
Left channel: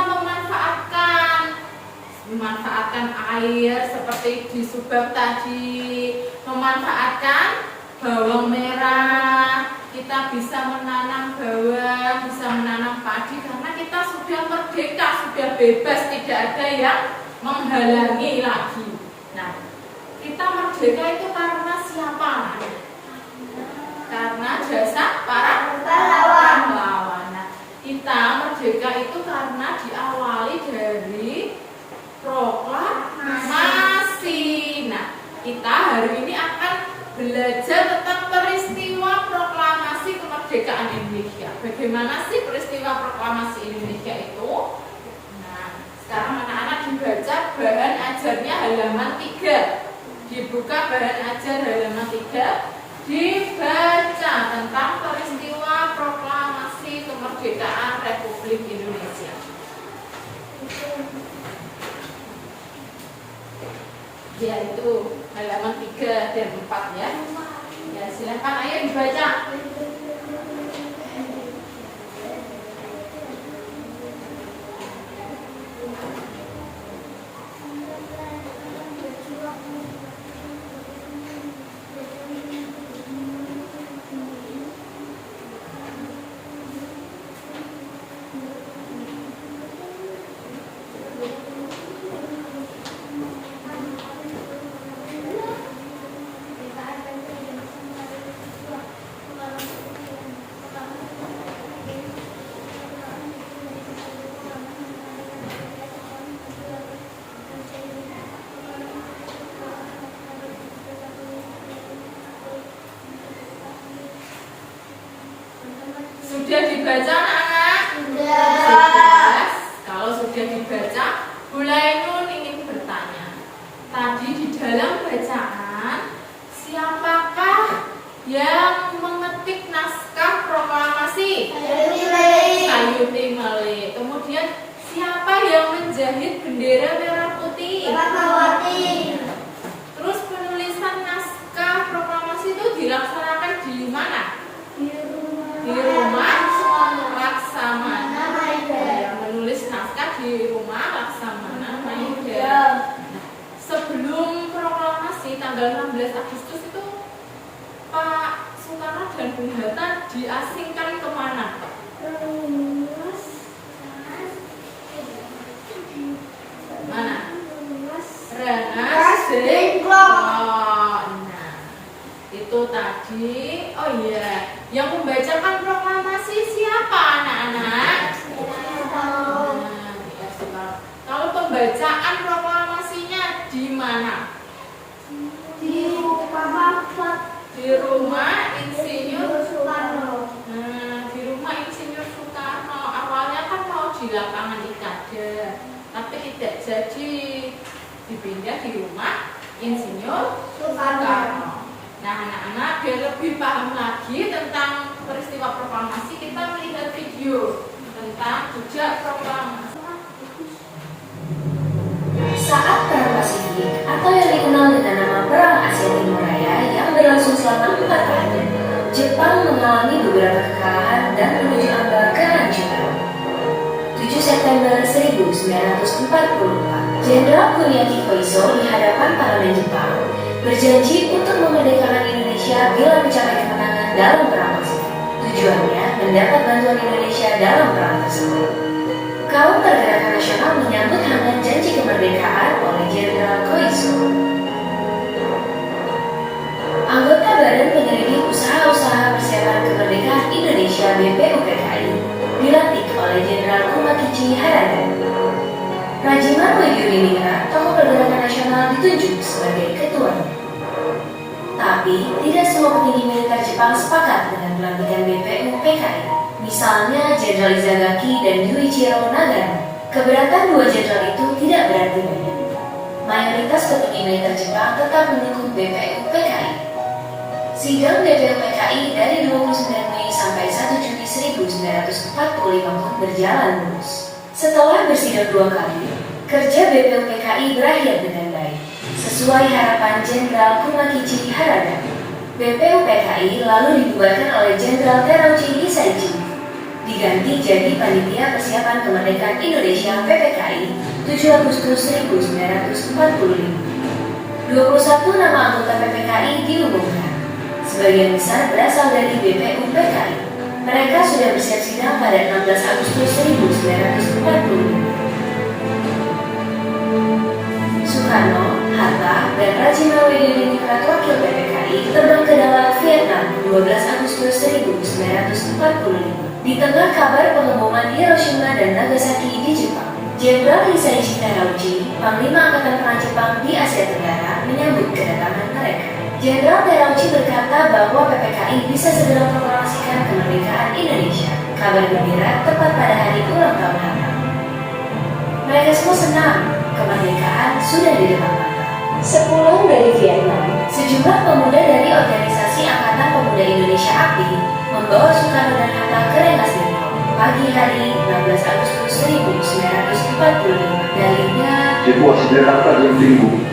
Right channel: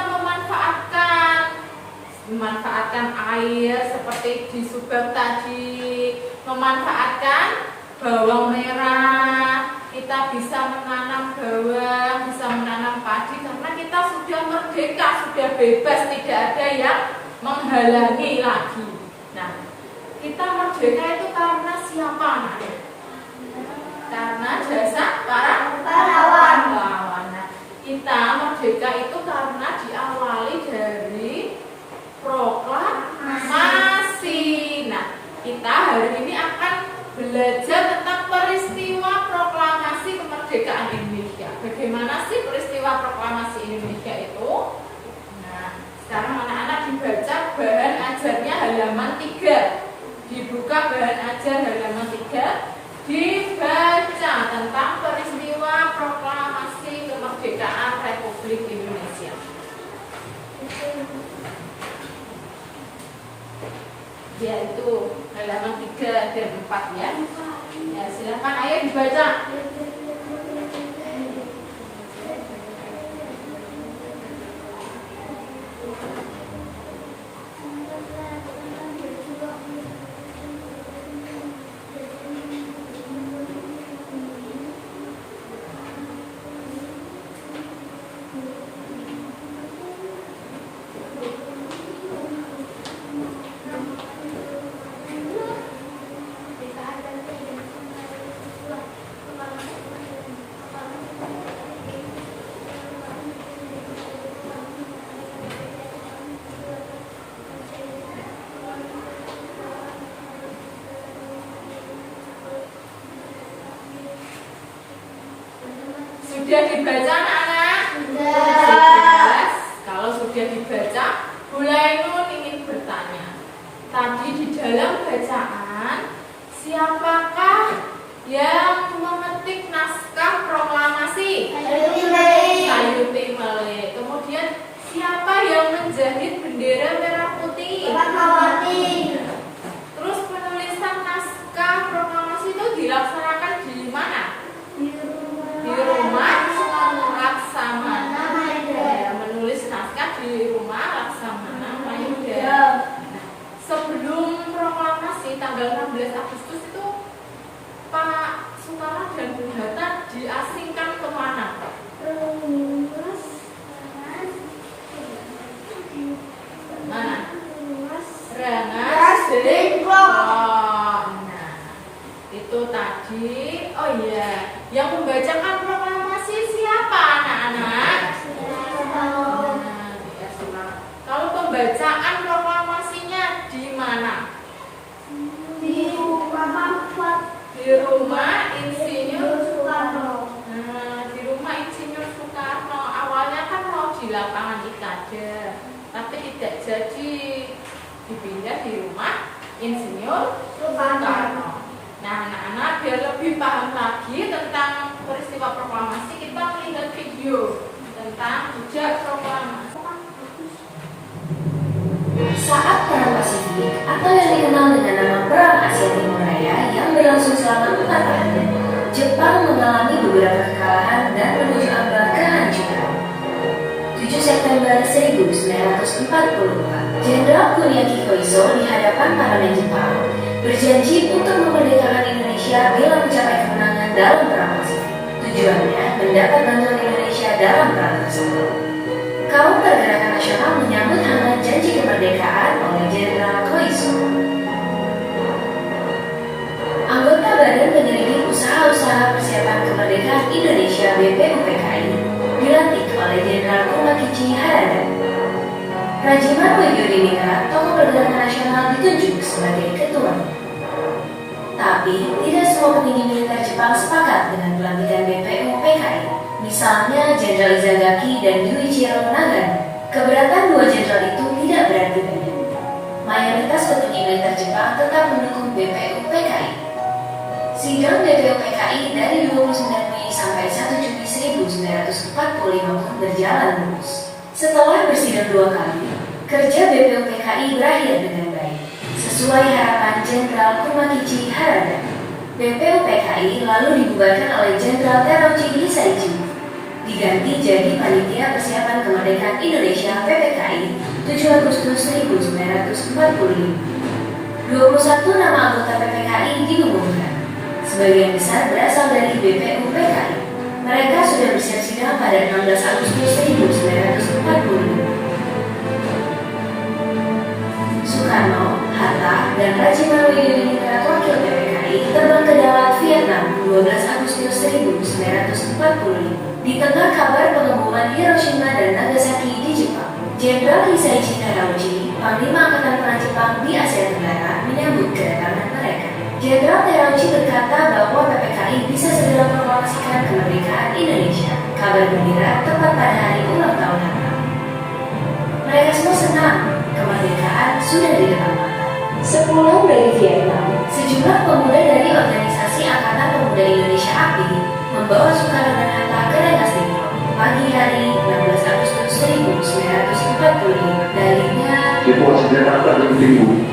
memanfaatkan air seperti di Subang tadi, memanfaatkan bawang merah. Kita bisa menanam bawang, bisa menanam padi karena kita sudah merdeka, sudah bebas, tidak ada yang menghalangi lagi. Nah, kita merdeka itu karena siapa? Karena jasa para pahlawan. Nah, kita merdeka itu karena diawali dari proklamasi. Nah, kita hari ini akan belajar tentang peristiwa proklamasi kemerdekaan Indonesia. Bagaimana sih peristiwa proklamasi Indonesia itu? Nah, sekarang anak-anak dibaca bahan ajarnya halaman 3. Dibuka bahan ajar halaman 3. Dibaca tentang peristiwa proklamasi kemerdekaan Republik Indonesia. Yaitu halaman 3 dan 4 ya. Ya, silakan ayo dibaca. Sudah dibaca anak-anak? Sudah. Kalau sudah dibaca, mulai Nun ingin bertanya. Tadi menjahit bendera merah putih? Fatmawati. Terus penulisan naskah proklamasi itu dilaksanakan di mana? Di rumah Laksamana Maeda. Menulis naskah di rumah Laksamana Maeda. Sebelum proklamasi tanggal 16 Agustus itu Pak Soekarno dan Bung Hatta diasingkan kemana? Mana? Rengas Dengklok. Nah, itu tadi. Oh iya, yang membacakan proklamasi siapa anak-anak? Nah, kalau pembacaan proklamasinya di mana? Di rumah Insinyur Soekarno. Nah, di rumah Insinyur Soekarno. Awalnya kan mau di lapangan Ikada, tapi tidak jadi, dipindah di rumah Insinyur Soekarno. Nah, anak-anak biar lebih paham lagi tentang peristiwa proklamasi, kita melihat video tentang jejak proklamasi. Saat Perang Pasifik atau yang dikenal dengan nama Perang Asia Timur Raya yang berlangsung selama 4 tahun, Jepang mengalami beberapa kekalahan dan menuju ambang kehancuran. 7 September 1944, Jenderal Kuniaki Koiso di hadapan parlemen Jepang berjanji untuk memerdekakan Indonesia bila mencapai kemenangan dalam Perang Pasifik. Tujuannya mendapat bantuan Indonesia dalam perang tersebut. Kaum Pergerakan Nasional menyambut hangat janji kemerdekaan oleh Jenderal Koiso. Anggota Badan Penyelidik Usaha-Usaha Persiapan Kemerdekaan Indonesia (BPUPKI) dilantik oleh Jenderal Kumakichi Harada. Rajiman Yudhindira, tokoh Pergerakan Nasional, ditunjuk sebagai ketuanya. Tapi tidak semua petinggi militer Jepang sepakat dengan pelantikan BPUPKI. Misalnya Jenderal Izagaki dan Yuichiro Nagano. Keberatan dua jenderal itu tidak berarti banyak. Mayoritas petinggi militer Jepang tetap mendukung BPUPKI. Sidang BPUPKI dari 29 Mei sampai 1 Juni 1945 pun berjalan mulus. Setelah bersidang 2 kali, kerja BPUPKI berakhir dengan baik. Sesuai harapan Jenderal Kumakichi Harada, BPUPKI lalu dibubarkan oleh Jenderal Terauchi Hisaichi, diganti jadi Panitia Persiapan Kemerdekaan Indonesia (PPKI) 7 Agustus 1945. 21 nama anggota PPKI diumumkan. Sebagian besar berasal dari BPUPKI. Mereka sudah bersiap sidang pada 16 Agustus 1945. Soekarno, Hatta, dan Rajiman Yudhindira wakil PPKI terbang ke dalam Vietnam 12 Agustus 1945. Di tengah kabar pengeboman Hiroshima dan Nagasaki di Jepang, Jenderal Hisaichi Terauchi, Panglima Angkatan Perang Jepang di Asia Tenggara, menyambut kedatangan mereka. Jenderal Terauchi berkata bahwa PPKI bisa segera memproklamasikan kemerdekaan Indonesia. Kabar gembira tepat pada hari ulang tahun Hatta. Mereka semua senang, kemerdekaan sudah di depan mata. Sepulang dari Vietnam, sejumlah pemuda dari organisasi Angkatan Pemuda Indonesia API membawa Soekarno dan Hatta ke Rengas Dengklok pagi hari 16 Agustus 1945. Dalihnya, situasi Jakarta yang tinggi.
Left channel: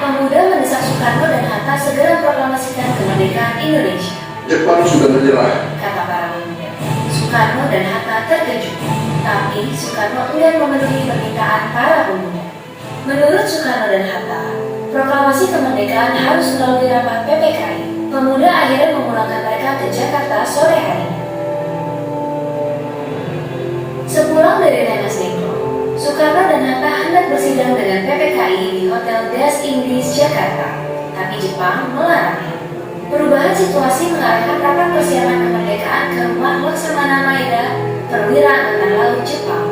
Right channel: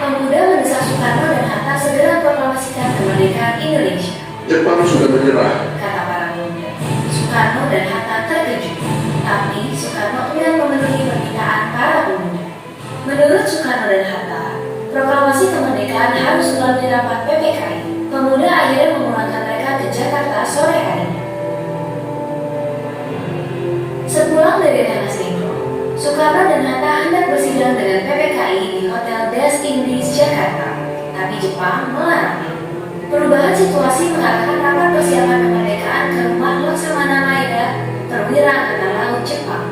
pemuda mendesak Soekarno dan Hatta segera proklamasikan kemerdekaan Indonesia. Jepang sudah menyerah. Kata para pemuda. Soekarno dan Hatta terkejut, tapi Soekarno enggan memenuhi permintaan para pemuda. Menurut Soekarno dan Hatta, proklamasi kemerdekaan harus melalui rapat PPKI. Pemuda akhirnya memulangkan mereka ke Jakarta sore harinya. Sepulang dari Rengas Dengklok, Soekarno dan Hatta hendak bersidang dengan PPKI di Hotel Des Inggris Jakarta, tapi Jepang melarangnya. Perubahan situasi mengarahkan rapat persiapan kemerdekaan ke rumah Laksamana Maeda, perwira Angkatan Laut Jepang.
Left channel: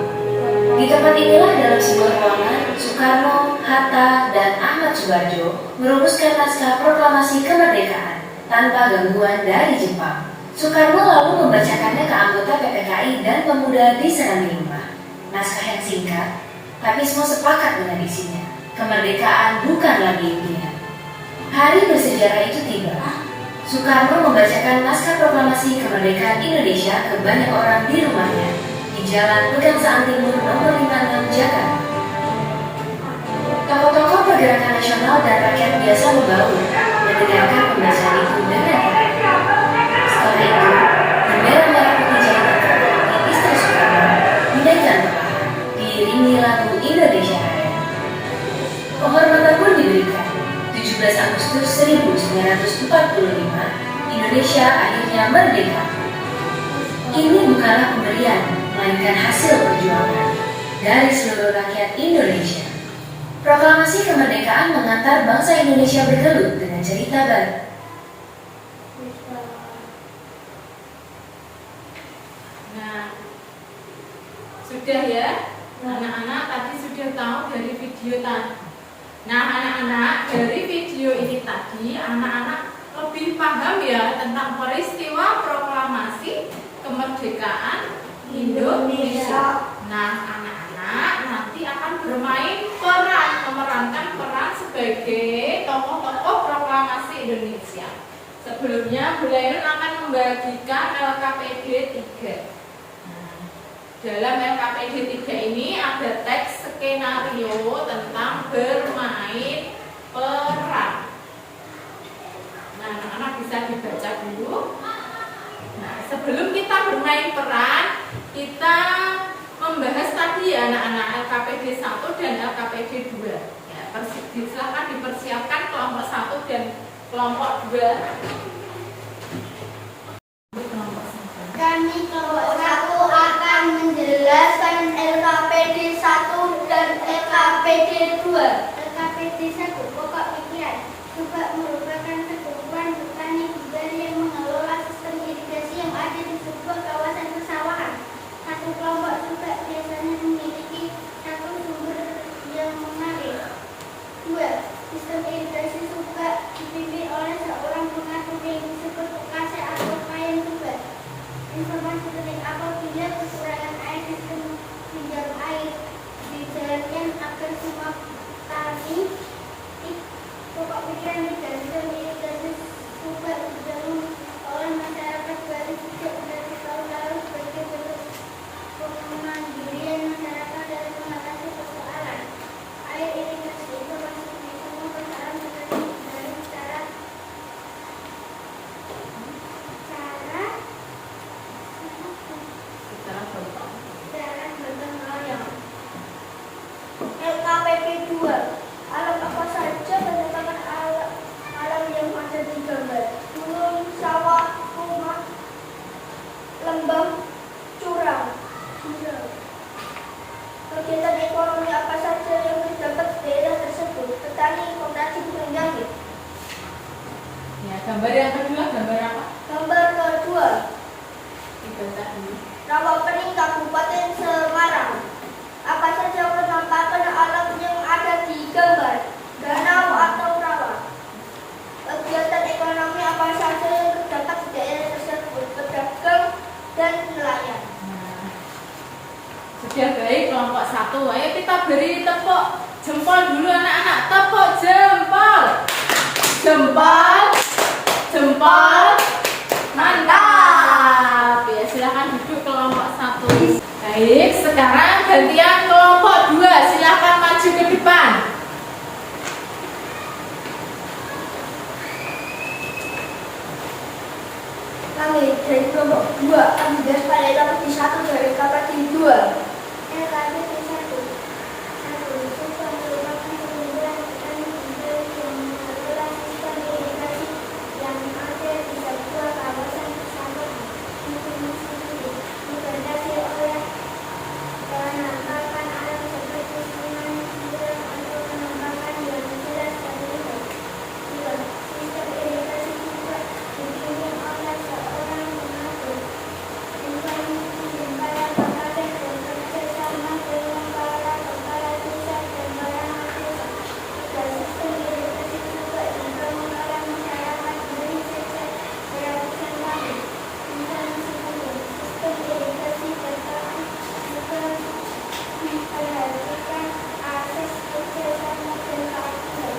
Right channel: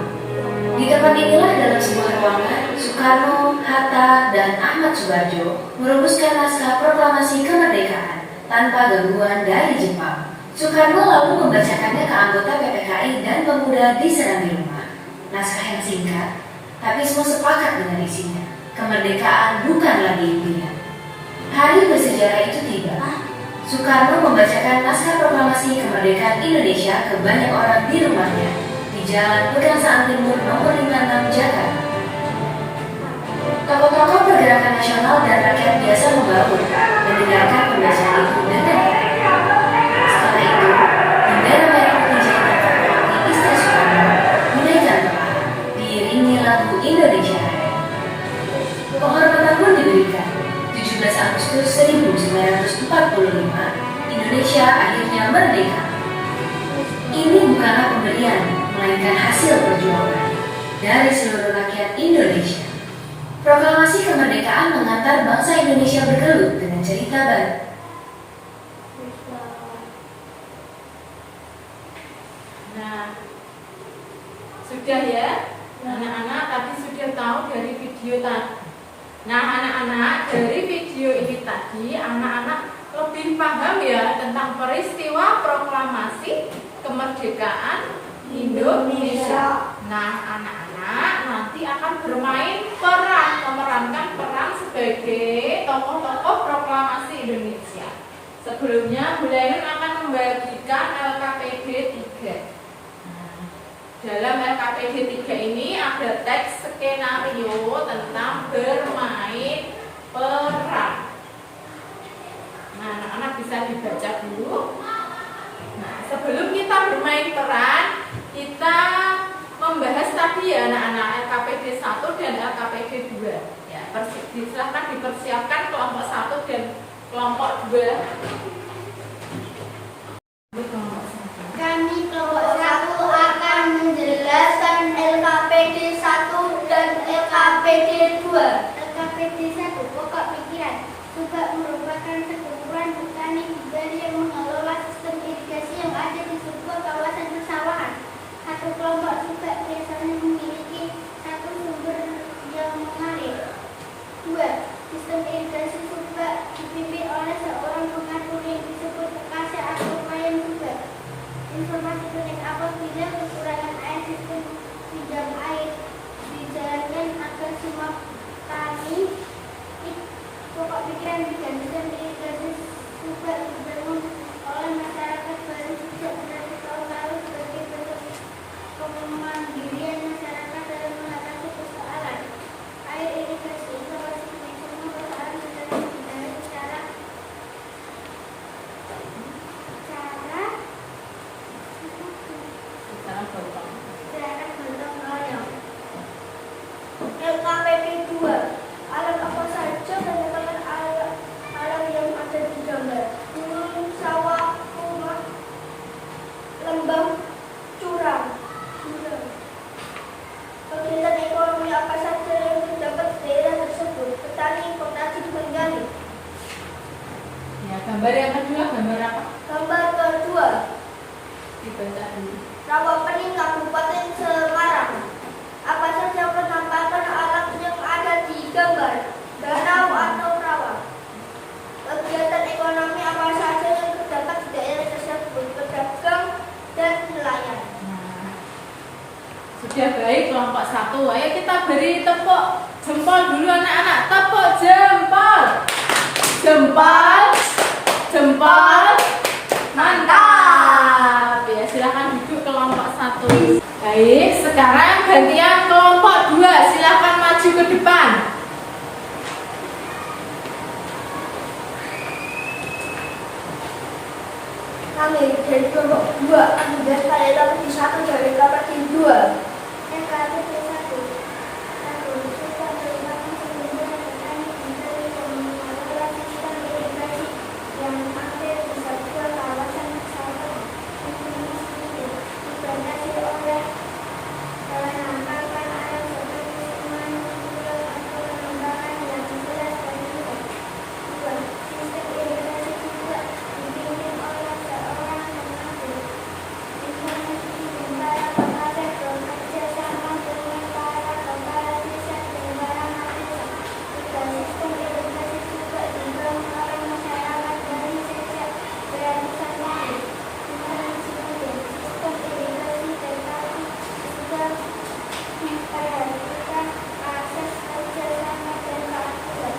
Di tempat inilah dalam sebuah ruangan, Soekarno, Hatta, dan Ahmad Subarjo merumuskan naskah proklamasi kemerdekaan tanpa gangguan dari Jepang. Soekarno lalu membacakannya ke anggota PPKI dan pemuda di serambi rumah. Naskah yang singkat, tapi semua sepakat dengan isinya. Kemerdekaan bukan lagi impian. Hari bersejarah itu tiba. Soekarno membacakan naskah proklamasi kemerdekaan Indonesia ke banyak orang di rumahnya di Jalan Pegangsaan Timur nomor 56 Jakarta. Tokoh-tokoh pergerakan nasional dan rakyat biasa membangun dan mendengarkan pembacaan itu dengan setelah itu, bendera merah putih jahitan terkenal Istri Soekarno dinaikkan tepat, diiringi lagu Indonesia Raya. Penghormatan pun diberikan. 17 Agustus 1945, Indonesia akhirnya merdeka. Ini bukanlah pemberian, melainkan hasil perjuangan dari seluruh rakyat Indonesia. Proklamasi kemerdekaan mengantar bangsa Indonesia bergelut dengan cerita baru. Nah, sudah ya, anak-anak tadi sudah tahu dari video tadi. Nah, anak-anak dari video ini tadi, anak-anak lebih paham ya tentang peristiwa proklamasi kemerdekaan Indonesia. Nah, anak-anak nanti akan memerankan peran sebagai tokoh-tokoh proklamasi Indonesia. Sebelumnya, Bu Lainun akan membagikan LKPD 3. Dalam LKPD 3 ini ada teks skenario tentang bermain peran. Nah, anak-anak bisa dibaca dulu. Nah, sebelum kita bermain peran, kita membahas tadi ya anak-anak LKPD 1 dan LKPD 2. Ya, silahkan dipersiapkan kelompok 1 dan kelompok 2. Kami kelompok 1 akan menjelaskan LKPD 1 dan LKPD 2. LKPD 1 pokok pikiran. Subak merupakan sekutuan petani pribadi yang mengelola sistem irigasi yang ada di sebuah kawasan persawahan. Satu kelompok subak biasanya memiliki satu sumber yang mengalir. 2. Sistem irigasi subak dipimpin oleh seorang pengatur yang disebut kasih atau payung subak. Informasi penting apabila kekurangan air sistem pinjam air dijalankan agar semua tani pokok pikiran dan sistem irigasi subak dibangun oleh masyarakat baru sejak dari tahun lalu sebagai bentuk pemandirian masyarakat dalam mengatasi persoalan air irigasi. Informasi semua persoalan mengenai dibangun secara gotong royong. LKPD 2. Alam apa saja menetapkan alam yang ada di gambar. Gunung, sawah, rumah, lembah, curang. Kegiatan ekonomi apa saja yang terdapat di daerah tersebut. Petani, koperasi, penjahit. Ya, gambar yang kedua, gambar apa? Gambar kedua. Dibaca dulu. Rawapening Kabupaten Semarang. Apa saja penampakan alam yang ada di gambar? Danau atau rawa. Kegiatan ekonomi apa saja yang terdapat di daerah tersebut? Pedagang dan nelayan. Nah, sudah baik kelompok 1. Ayo kita beri tepuk jempol dulu anak-anak. Tepuk jempol. Jempol. Jempol. Mantap. Ya, silakan duduk kelompok 1. Baik, sekarang gantian kelompok 2. Silakan maju ke depan. Kami dari kelompok 2 akan membahas pada LKPD 1 dan LKPD 2. LKPD 1. yang ada di sebuah kawasan persawahan. Dibatasi oleh penampakan alam seperti sungai, jurang, atau penambangan yang jelas dan terlihat. 2. Sistem irigasi juga dipimpin oleh seorang pengatur. Informasi antara kabupaten bekerja sama dengan para kepala desa dan barangan desa. 3. Sistem irigasi juga dibangun oleh masyarakat dari sejak beratusan tahun. Informasi kedua, sistem irigasi berjalan juga memperhatikan akses kerjasama dan keadilan.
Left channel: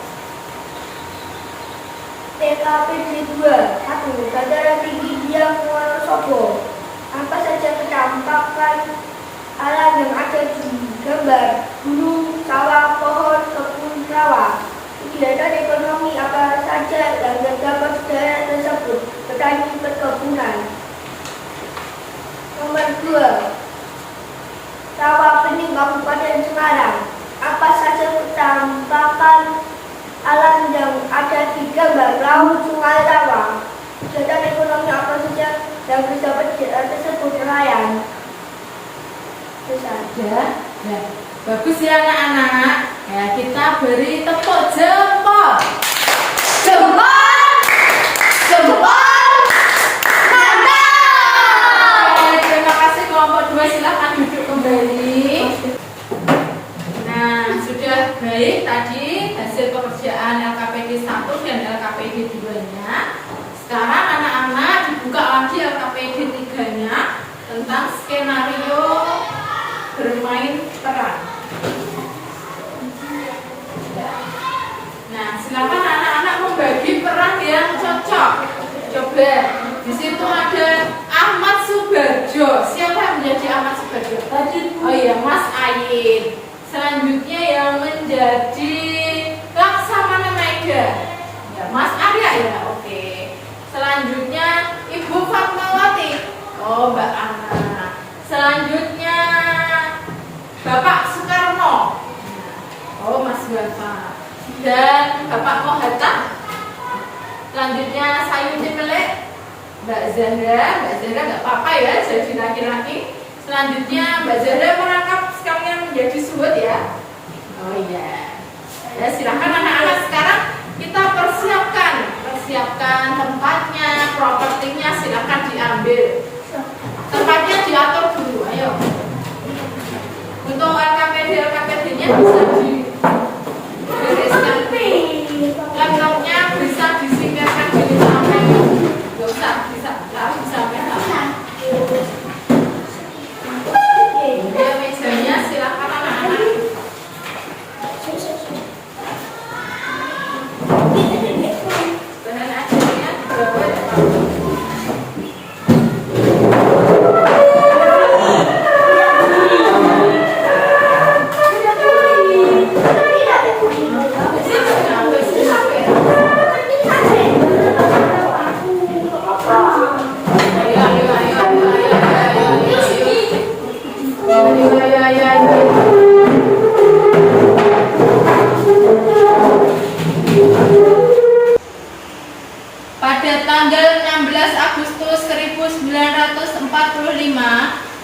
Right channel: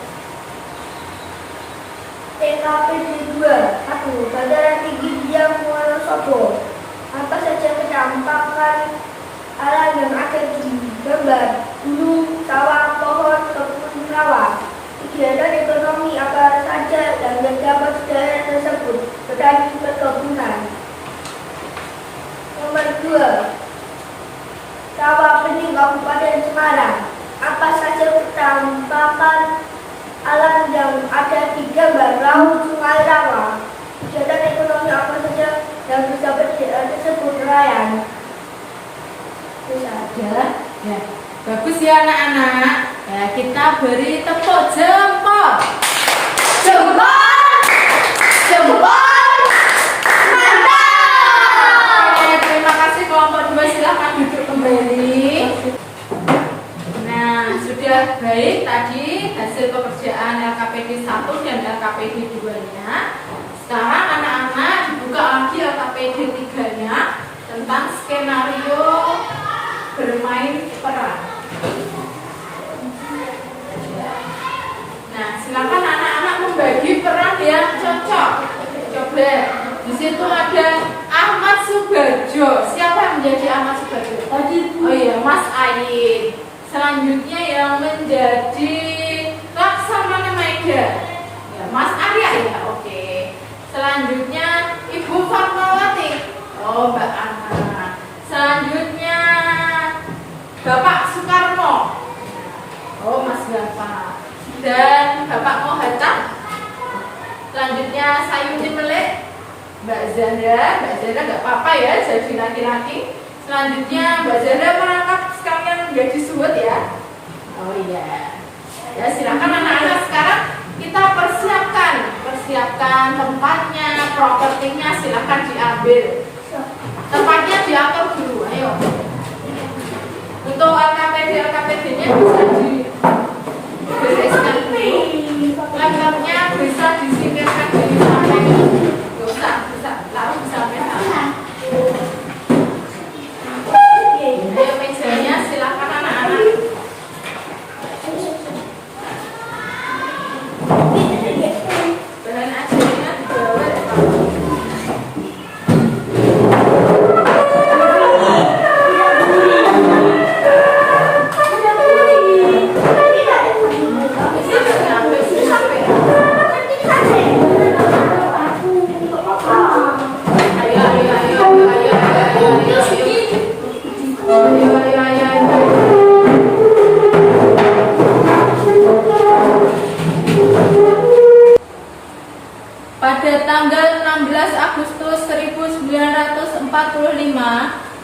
LKPD 2. 1. Dataran tinggi Dieng Wonosobo. Apa saja penampakan alam yang ada di gambar? Gunung, sawah, pohon, kebun, kelompok daerah tersebut petani perkebunan. Nomor 2, Rawa Bening Kabupaten Semarang. Apa saja pertambakan alam yang ada di gambar laut Sungai Rawa? Kegiatan ekonomi apa saja yang bisa tersebut nelayan? Itu saja. Ya, bagus ya anak-anak. Ya, kita beri tepuk jempol. Jempol! Jempol! Mantap! Oke, terima kasih kelompok 2, silahkan duduk kembali. Nah, sudah baik tadi hasil pekerjaan LKPD 1 dan LKPD 2-nya. Sekarang anak-anak dibuka lagi LKPD 3-nya tentang skenario bermain peran. Nah, silakan anak-anak membagi peran yang cocok. Coba, di situ ada Ahmad Subarjo. Siapa yang menjadi Ahmad Subarjo? Tadi. Oh iya, Mas Ayin. Selanjutnya yang menjadi Laksamana Maida. Ya, Mas Arya ya, oke. Selanjutnya Ibu Fatmawati. Oh, Mbak Ana. Selanjutnya Bapak Soekarno. Oh, Mas Bapak. Dan Bapak Mohatta. Selanjutnya Sayuti Melek, Mbak Zahra nggak apa-apa ya jadi laki-laki. Selanjutnya Mbak Zahra merangkap sekalian menjadi suhud ya. Oh iya. Ya silakan anak-anak sekarang kita persiapkan tempatnya, propertinya silakan diambil. Tempatnya diatur dulu, ayo. Untuk LKPD-nya bisa dibereskan dulu. Laptopnya bisa disingkirkan di sana. Gak usah, lalu sampai sana. Ya, mejanya silakan anak-anak. Bahan ajarnya dibawa ya, Pak. Pada tanggal 16 Agustus 1945,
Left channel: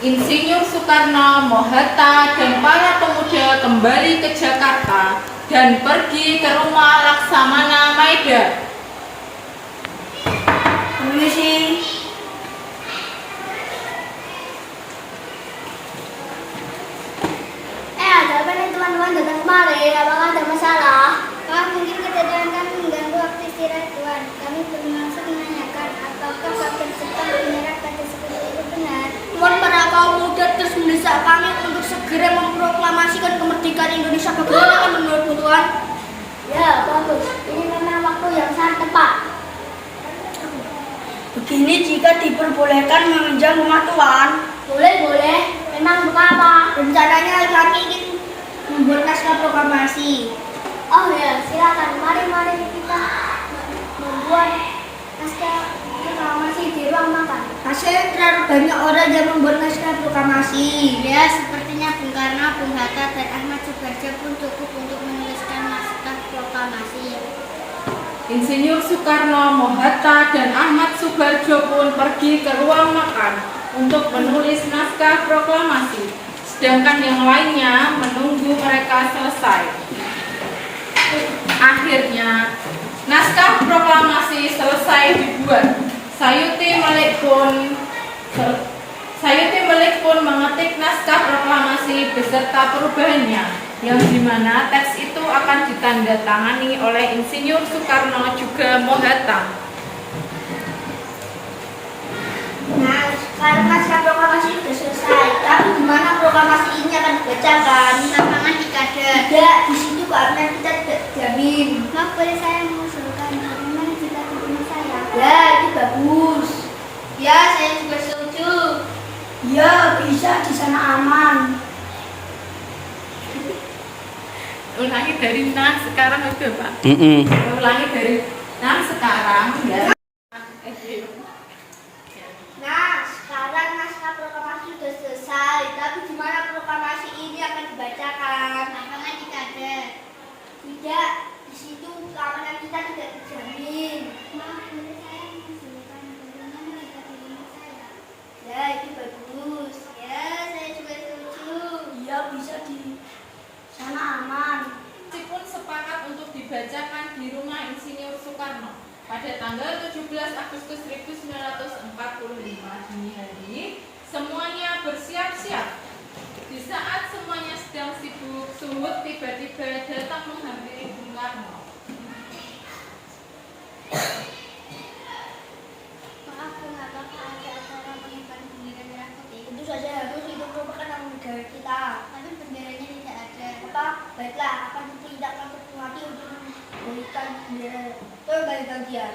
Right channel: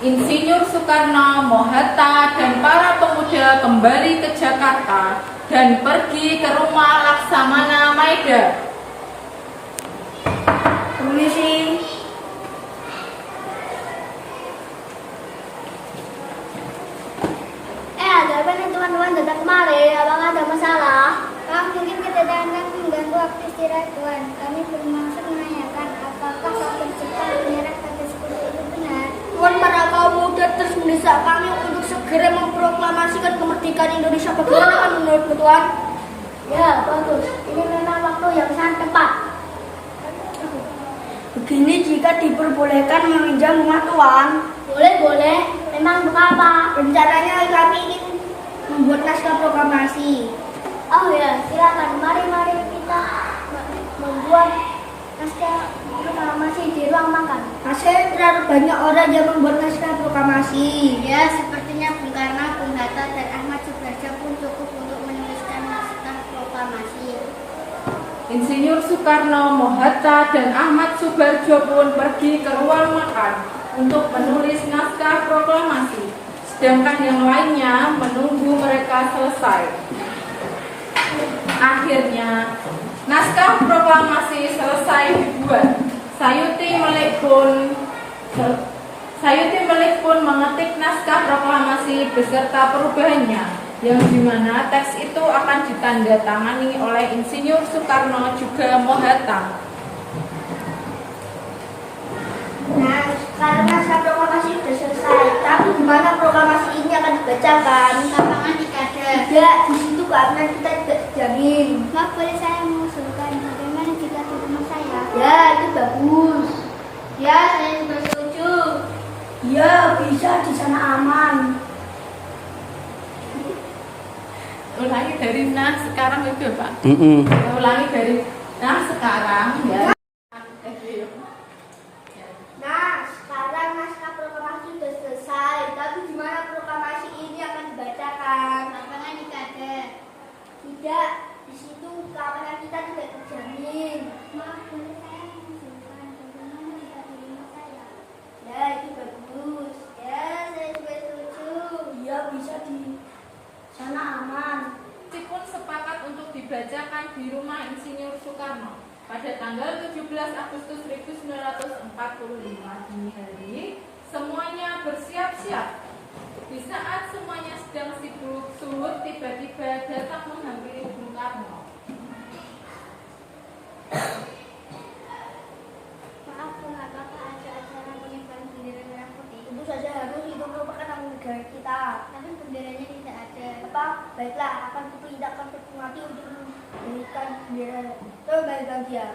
Insinyur Soekarno, Mohatta, dan para pemuda kembali ke Jakarta dan pergi ke rumah Laksamana Maida. Permisi. Ada apa nih teman-teman datang kemari? Apakah ada masalah? Mungkin kedatangan kami mengganggu waktu istirahat Tuhan. Kami bermaksud menanyakan apakah kabar cepat menyerahkan seperti itu benar? Tuhan, para kaum muda terus mendesak kami untuk segera memproklamasikan kemerdekaan Indonesia. Bagaimana kan menurutmu Tuhan? Ya, bagus. Ini memang waktu yang sangat tepat. Begini jika diperbolehkan meminjam rumah Tuhan. Boleh. Memang apa? Rencananya kami ingin membuat naskah proklamasi. Oh ya, silakan. Mari kita membuat naskah proklamasi di ruang makan. Masih terlalu banyak orang yang membuat naskah proklamasi. Ya, sepertinya Bung Karno, Bung Hatta, dan Ahmad Subarjo pun cukup untuk menuliskan naskah proklamasi. Insinyur Soekarno, Mohatta, dan Ahmad Subarjo pun pergi ke ruang makan untuk menulis naskah proklamasi, sedangkan yang lainnya menunggu mereka selesai. Akhirnya, naskah proklamasi selesai dibuat. Sayuti Melek pun mengetik naskah proklamasi beserta perubahannya, yang dimana teks itu akan ditandatangani oleh Insinyur Soekarno juga Mohatta. Nah, karena naskah proklamasi sudah selesai, tapi gimana proklamasi ini akan dibacakan? Tantangan dikada. Tidak, di situ keamanan kita tidak dijamin. Maaf, boleh saya mengusulkan bagaimana jika di rumah saya? Ya, itu bagus. Ya, saya juga setuju. Ya, bisa di sana aman. Ulangi dari sekarang itu Pak. Ulangi dari Nah, sekarang ya. Nah, sekarang naskah proklamasi sudah selesai. Tapi di mana proklamasi ini akan dibacakan? Lapangan di kader. Tidak, di situ keamanan kita tidak terjamin. Mbak, boleh saya mengusulkan bagaimana jika di rumah saya? Ya, itu bagus. Ya, saya juga setuju. Iya, bisa di sana aman. Meskipun sepakat untuk dibacakan di rumah Insinyur Soekarno pada tanggal 17 Agustus 1945 dini hari, semuanya bersiap-siap. Di saat semuanya sedang sibuk, Suhut tiba-tiba datang menghampiri Bung Karno. Maaf, Bung, apakah ada acara pengibaran bendera merah putih? Tentu saja harus, itu merupakan tanggung negara kita. Tapi benderanya tidak ada. Apa? Baiklah, akan diperintahkan Ketua untuk memberikan bendera. Kembalikan dia.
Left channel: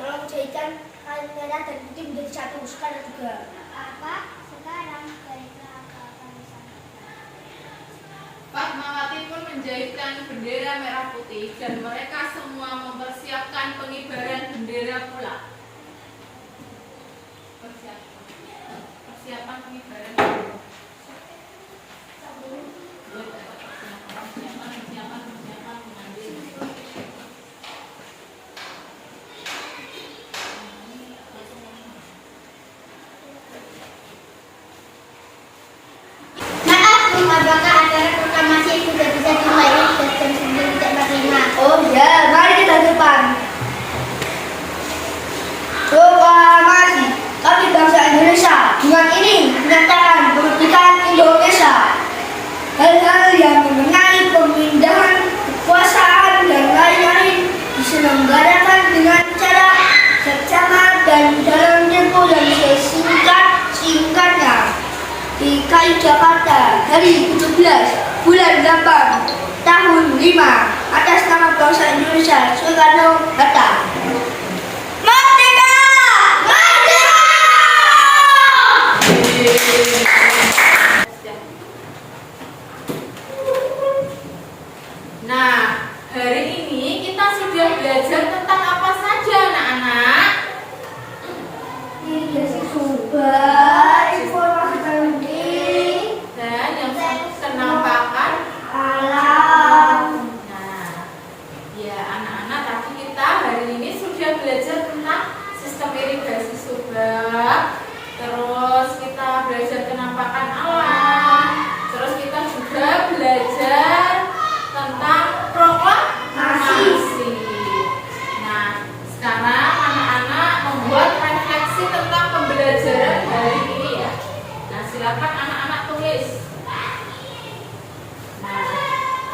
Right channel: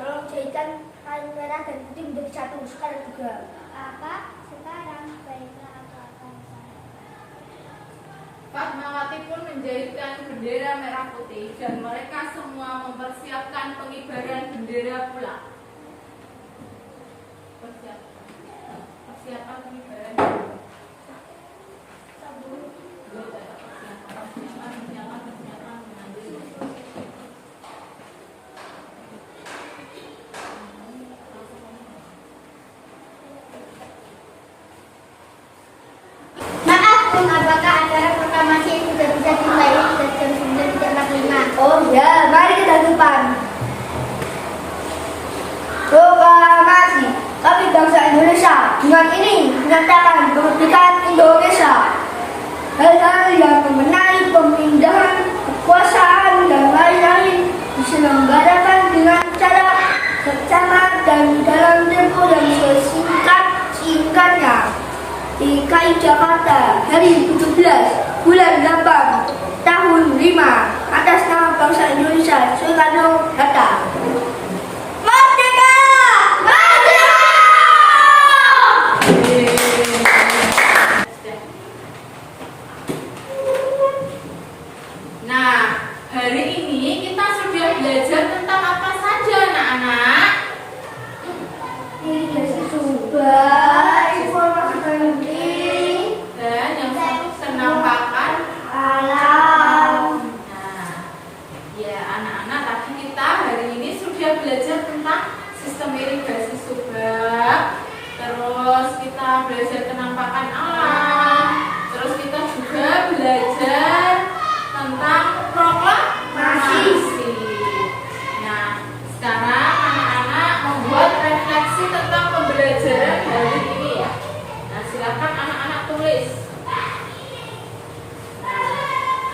Tolong jadikan kain merah dan putih menjadi satu sekarang juga. Apa? Sekarang baiklah, apa-apa di sana. Fatmawati pun menjahitkan bendera merah putih dan mereka semua mempersiapkan pengibaran bendera pula. Persiapan pengibaran bendera. Maaf, Bung, apakah acara proklamasi sudah bisa dimulai dan jam 9.45? Oh ya, mari kita ke depan. Proklamasi kami bangsa Indonesia dengan ini menyatakan kemerdekaan Indonesia. Hal-hal yang mengenai pemindahan kekuasaan dan lain-lain diselenggarakan dengan cara seksama dan dalam tempo yang sesingkat-singkatnya. DKI Jakarta hari 17 bulan 8 tahun 5 atas nama bangsa Indonesia Soekarno-Hatta. Merdeka! Merdeka! Nah, hari ini kita sudah belajar tentang apa saja, anak-anak? Ini sumber informasi penting Dan yang penampakan alam. Nah, ya anak-anak, tadi kita hari ini sudah belajar tentang sistem irigasi subak. Terus kita belajar penampakan alam. Terus kita juga belajar tentang proklamasi. Nah, sekarang anak-anak membuat refleksi tentang pembelajaran hari ini ya. Nah, silakan anak-anak tulis.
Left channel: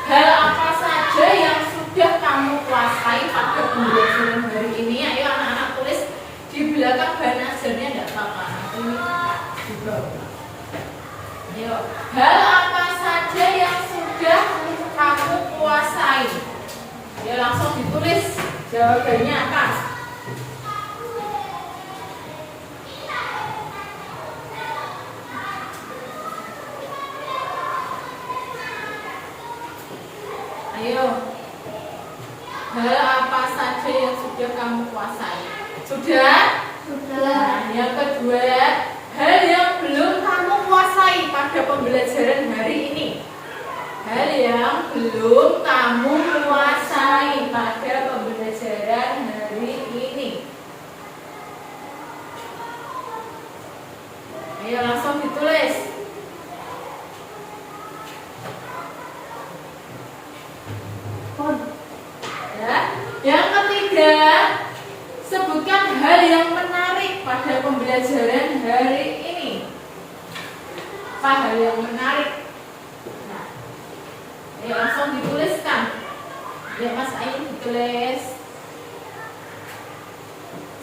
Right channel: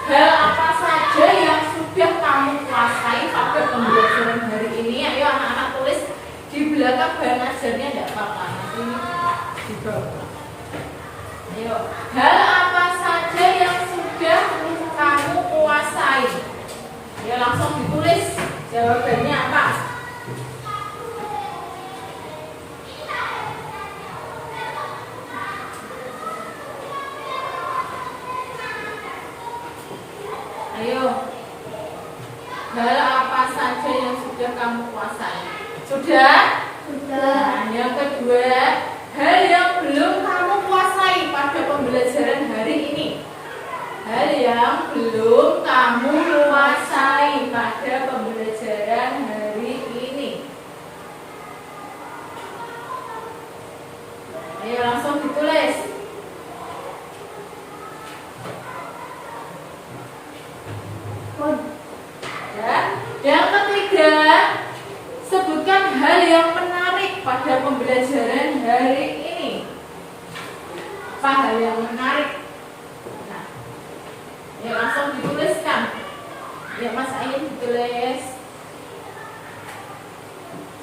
Hal apa saja yang sudah kamu kuasai pada pembelajaran hari ini? Ayo anak-anak tulis di belakang bahan ajarnya, tidak apa-apa. Nanti ini di bawah. Ayo, hal apa saja yang sudah kamu kuasai? Ayo langsung ditulis jawabannya apa? Ayo, hal apa saja yang sudah kamu kuasai? Sudah? Nah, yang kedua, hal yang belum kamu kuasai pada pembelajaran hari ini. Hal yang belum kamu kuasai pada pembelajaran hari ini. Ayo langsung ditulis. Ya. Yang ketiga, sebutkan hal yang menarik pada pembelajaran hari ini. Apa hal yang menarik? Nah, ayo langsung dituliskan. Ya Mas Ayu ditulis.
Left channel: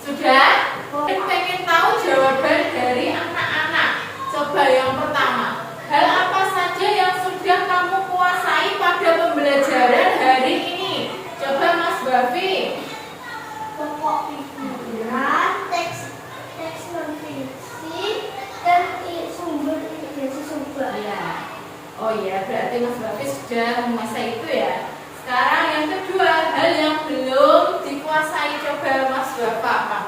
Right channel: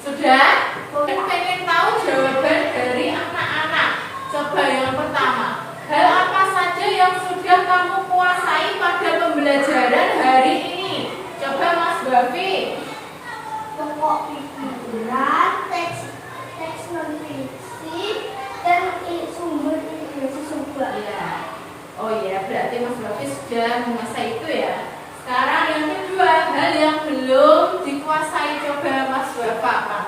Sudah? Pengen tahu jawaban dari anak-anak. Coba yang pertama, hal apa saja yang sudah kamu kuasai pada pembelajaran hari ini? Coba Mas Bafi. Pokok pikiran, teks non fiksi, hal yang belum dikuasai. Coba Mas Bapak apa?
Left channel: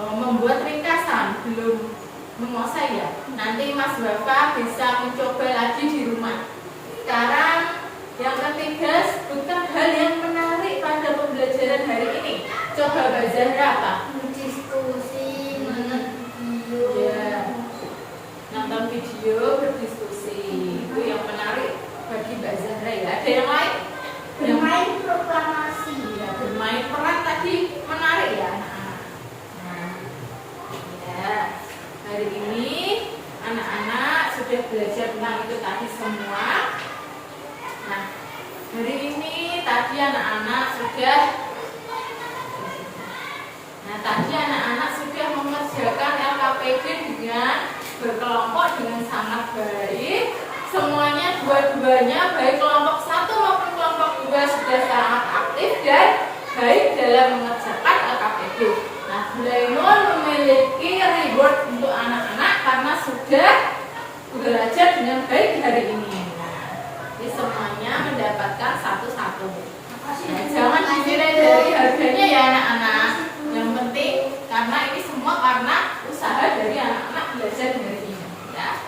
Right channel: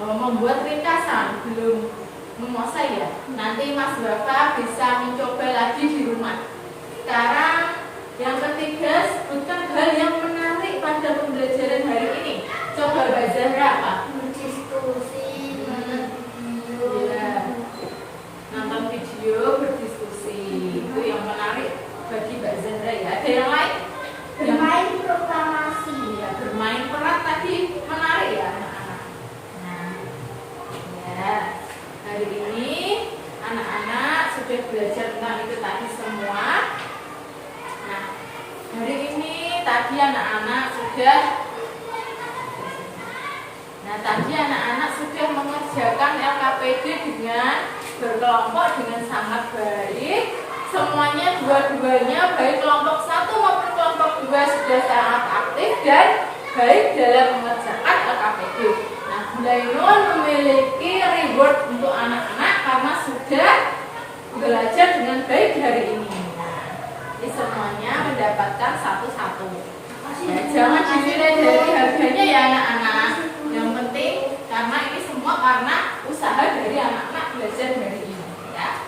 Membuat ringkasan, belum menguasai ya. Nanti Mas Bapak bisa mencoba lagi di rumah. Sekarang yang ketiga, sebutkan hal yang menarik pada pembelajaran hari ini. Coba Mbak Zahra apa? Diskusi, nonton video. Ya, nonton video, berdiskusi. Itu yang menarik bagi Mbak Zahra ya. Ada yang lain? Bermain proklamasi. Ya, bermain peran tadi menarik ya anak-anak. Nah, ya, hari ini anak-anak sudah belajar tentang itu tadi semua. Nah, hari ini tadi anak-anak sudah mengerjakan LKPD dengan berkelompok dengan sangat baik. Semuanya dua-duanya baik kelompok 1 maupun kelompok 2 sudah sangat aktif dan baik dalam mengerjakan LKPD. Nah, Bulainun memiliki reward untuk anak-anak karena sudah belajar dengan baik hari ini. Nah, ini semuanya mendapatkan satu-satu. Nah, jangan dinilai dari harganya ya anak-anak. Yang penting karena ini semua karena usaha dari anak-anak belajar hari ini ya.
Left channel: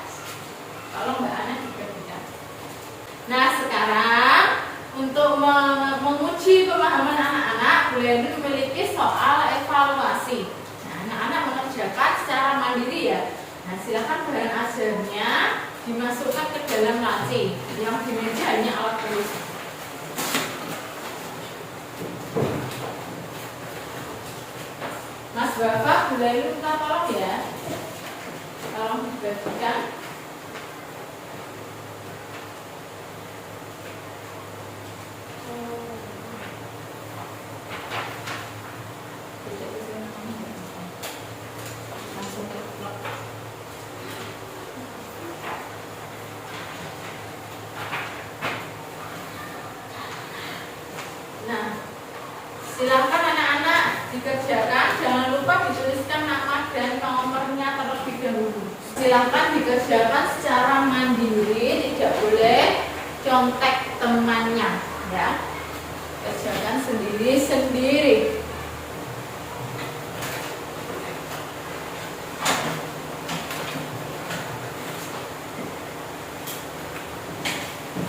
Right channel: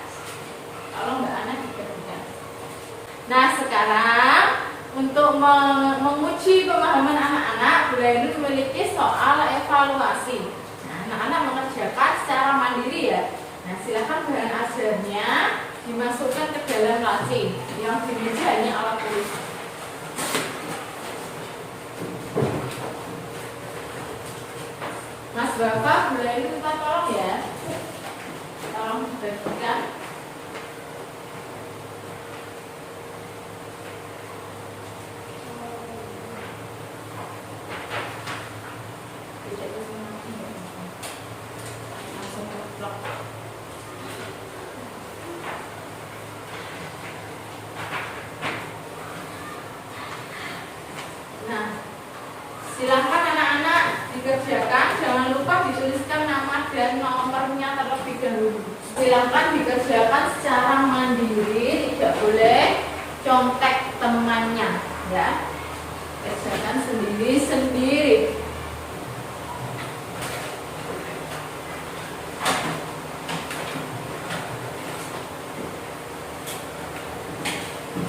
Kalau enggak anak juga tidak. Nah, sekarang untuk menguji pemahaman anak-anak, Bulainun memiliki soal evaluasi. Nah, anak-anak mengerjakan secara mandiri ya. Nah, silakan bahan ajarnya dimasukkan ke dalam laci. Yang di meja hanya alat tulis. Mas Bapak, Bulainun minta tolong ya. Tolong dibagikan. Langsung ke blok. Nah, silakan anak-anak dikerjakan. Jangan lupa dituliskan nama dan nomornya terlebih dahulu. Silakan dikerjakan secara mandiri, tidak boleh contek temannya, ya. Kerjakan sendiri-sendiri.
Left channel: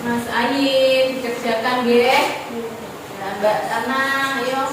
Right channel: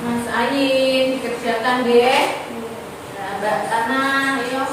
Mas Ayi dikerjakan ya. Nah, Mbak Tana, ayo.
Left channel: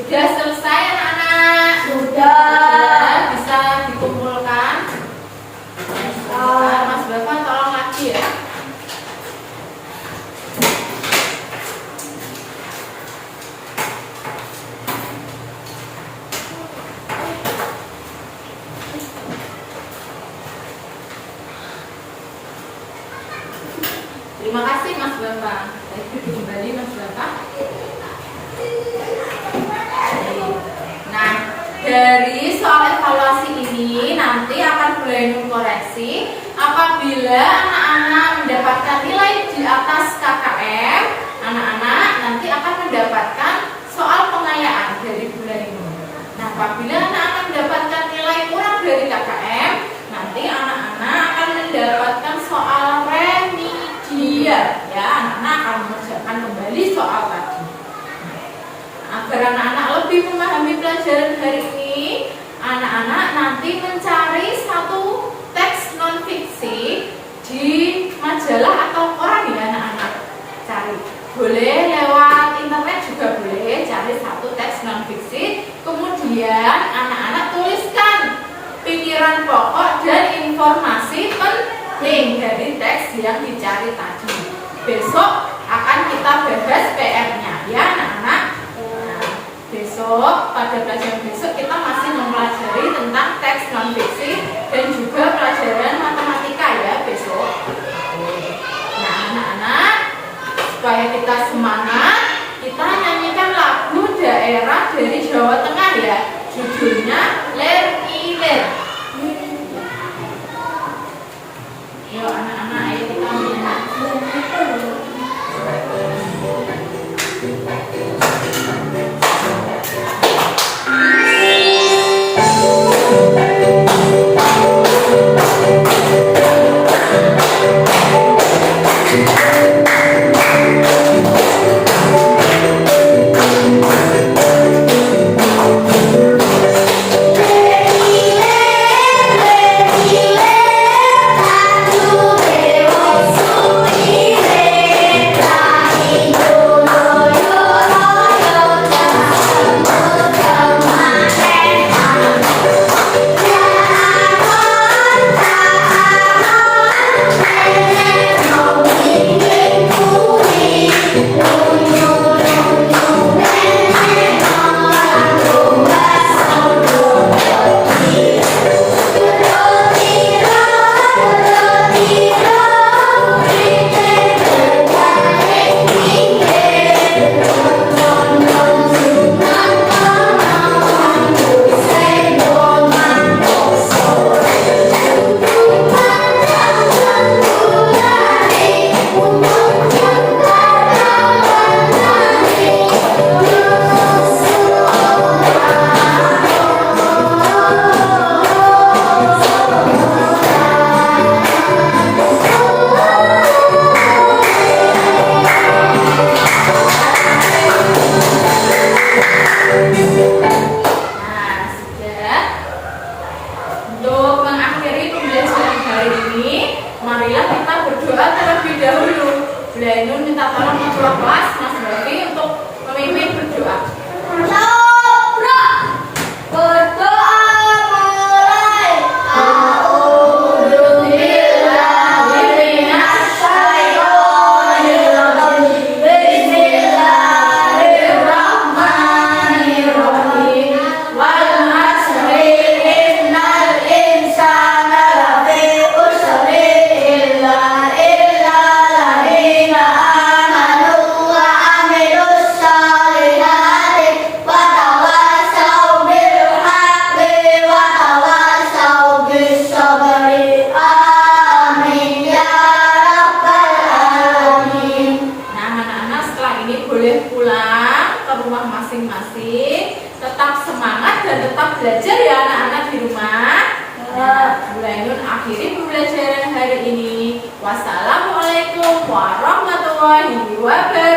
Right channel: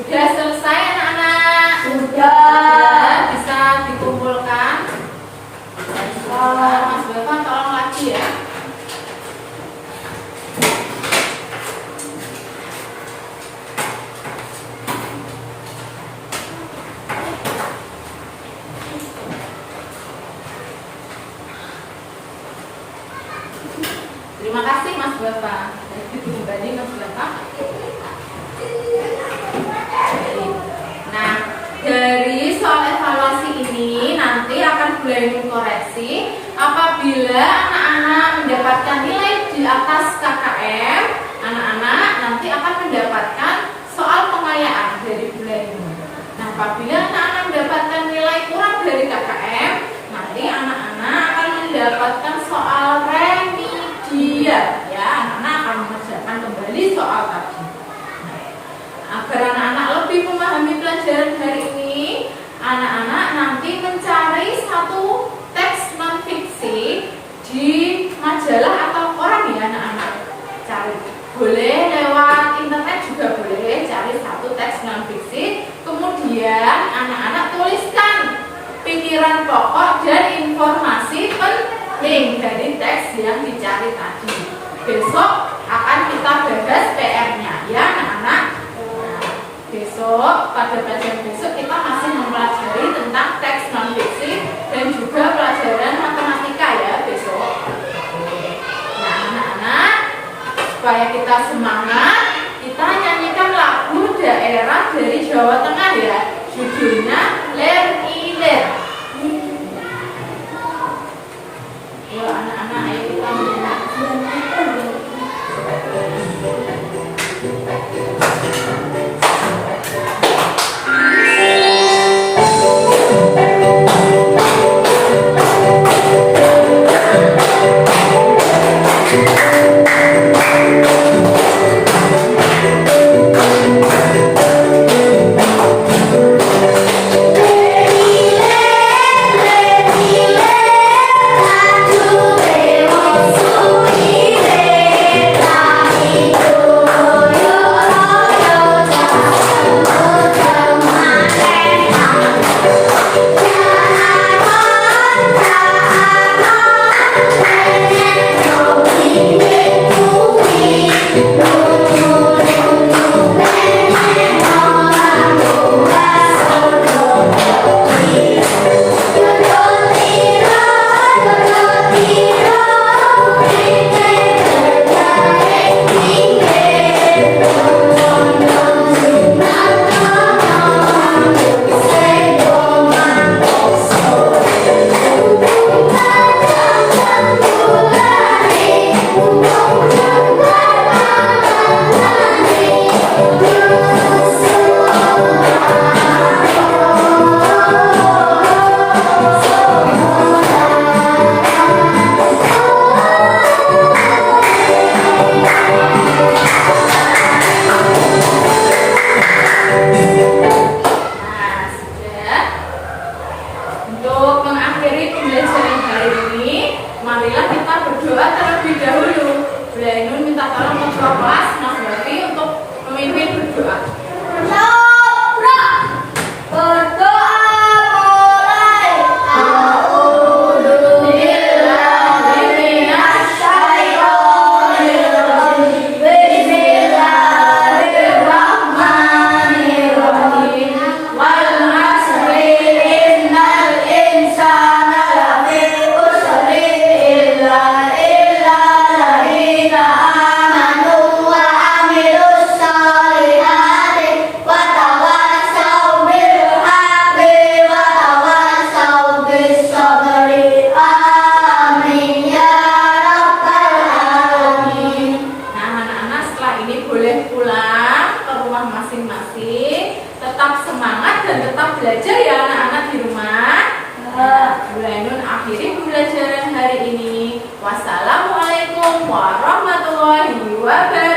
Sudah selesai anak-anak? Sudah. Bisa dikumpulkan. Mas Bapak tolong lagi ya. Terima kasih Mas Bapak. Itu kembali Mas Bapak. Nah, dari soal evaluasi ini nanti akan Bulainun koreksi apabila anak-anak mendapatkan nilai di atas KKM, anak-anak nanti akan mendapatkan soal pengayaan dari Bulainun. Nah, apabila anak-anak mendapatkan nilai kurang dari KKM, nanti anak-anak akan mendapatkan soal remedial. Ya, anak-anak akan mengerjakan kembali soal tadi. Agar anak-anak lebih memahami pelajaran hari ini, nanti mencari satu teks non-fiksi di majalah atau koran ya anak-anak. Cari. Boleh lewat internet juga boleh, cari satu teks non-fiksi. Kemudian anak-anak tuliskan pikiran pokok dan informasi penting dari teks yang dicari tadi. Besok akan kita bahas PR-nya ya anak-anak. Nah, besok pada pelajaran besok kita masih mempelajari tentang teks non-fiksi dan juga pelajaran matematika ya besok. Nah anak-anak, supaya kita semangat, kita nyanyikan lagu daerah dari Jawa Tengah ya. Judulnya Ler Iler. Ayo anak-anak, ayo kita nyanyi. Belajar ya anak-anak di rumah. Bu Ainun akhiri pembelajaran hari ini. Wassalamualaikum warahmatullahi wabarakatuh.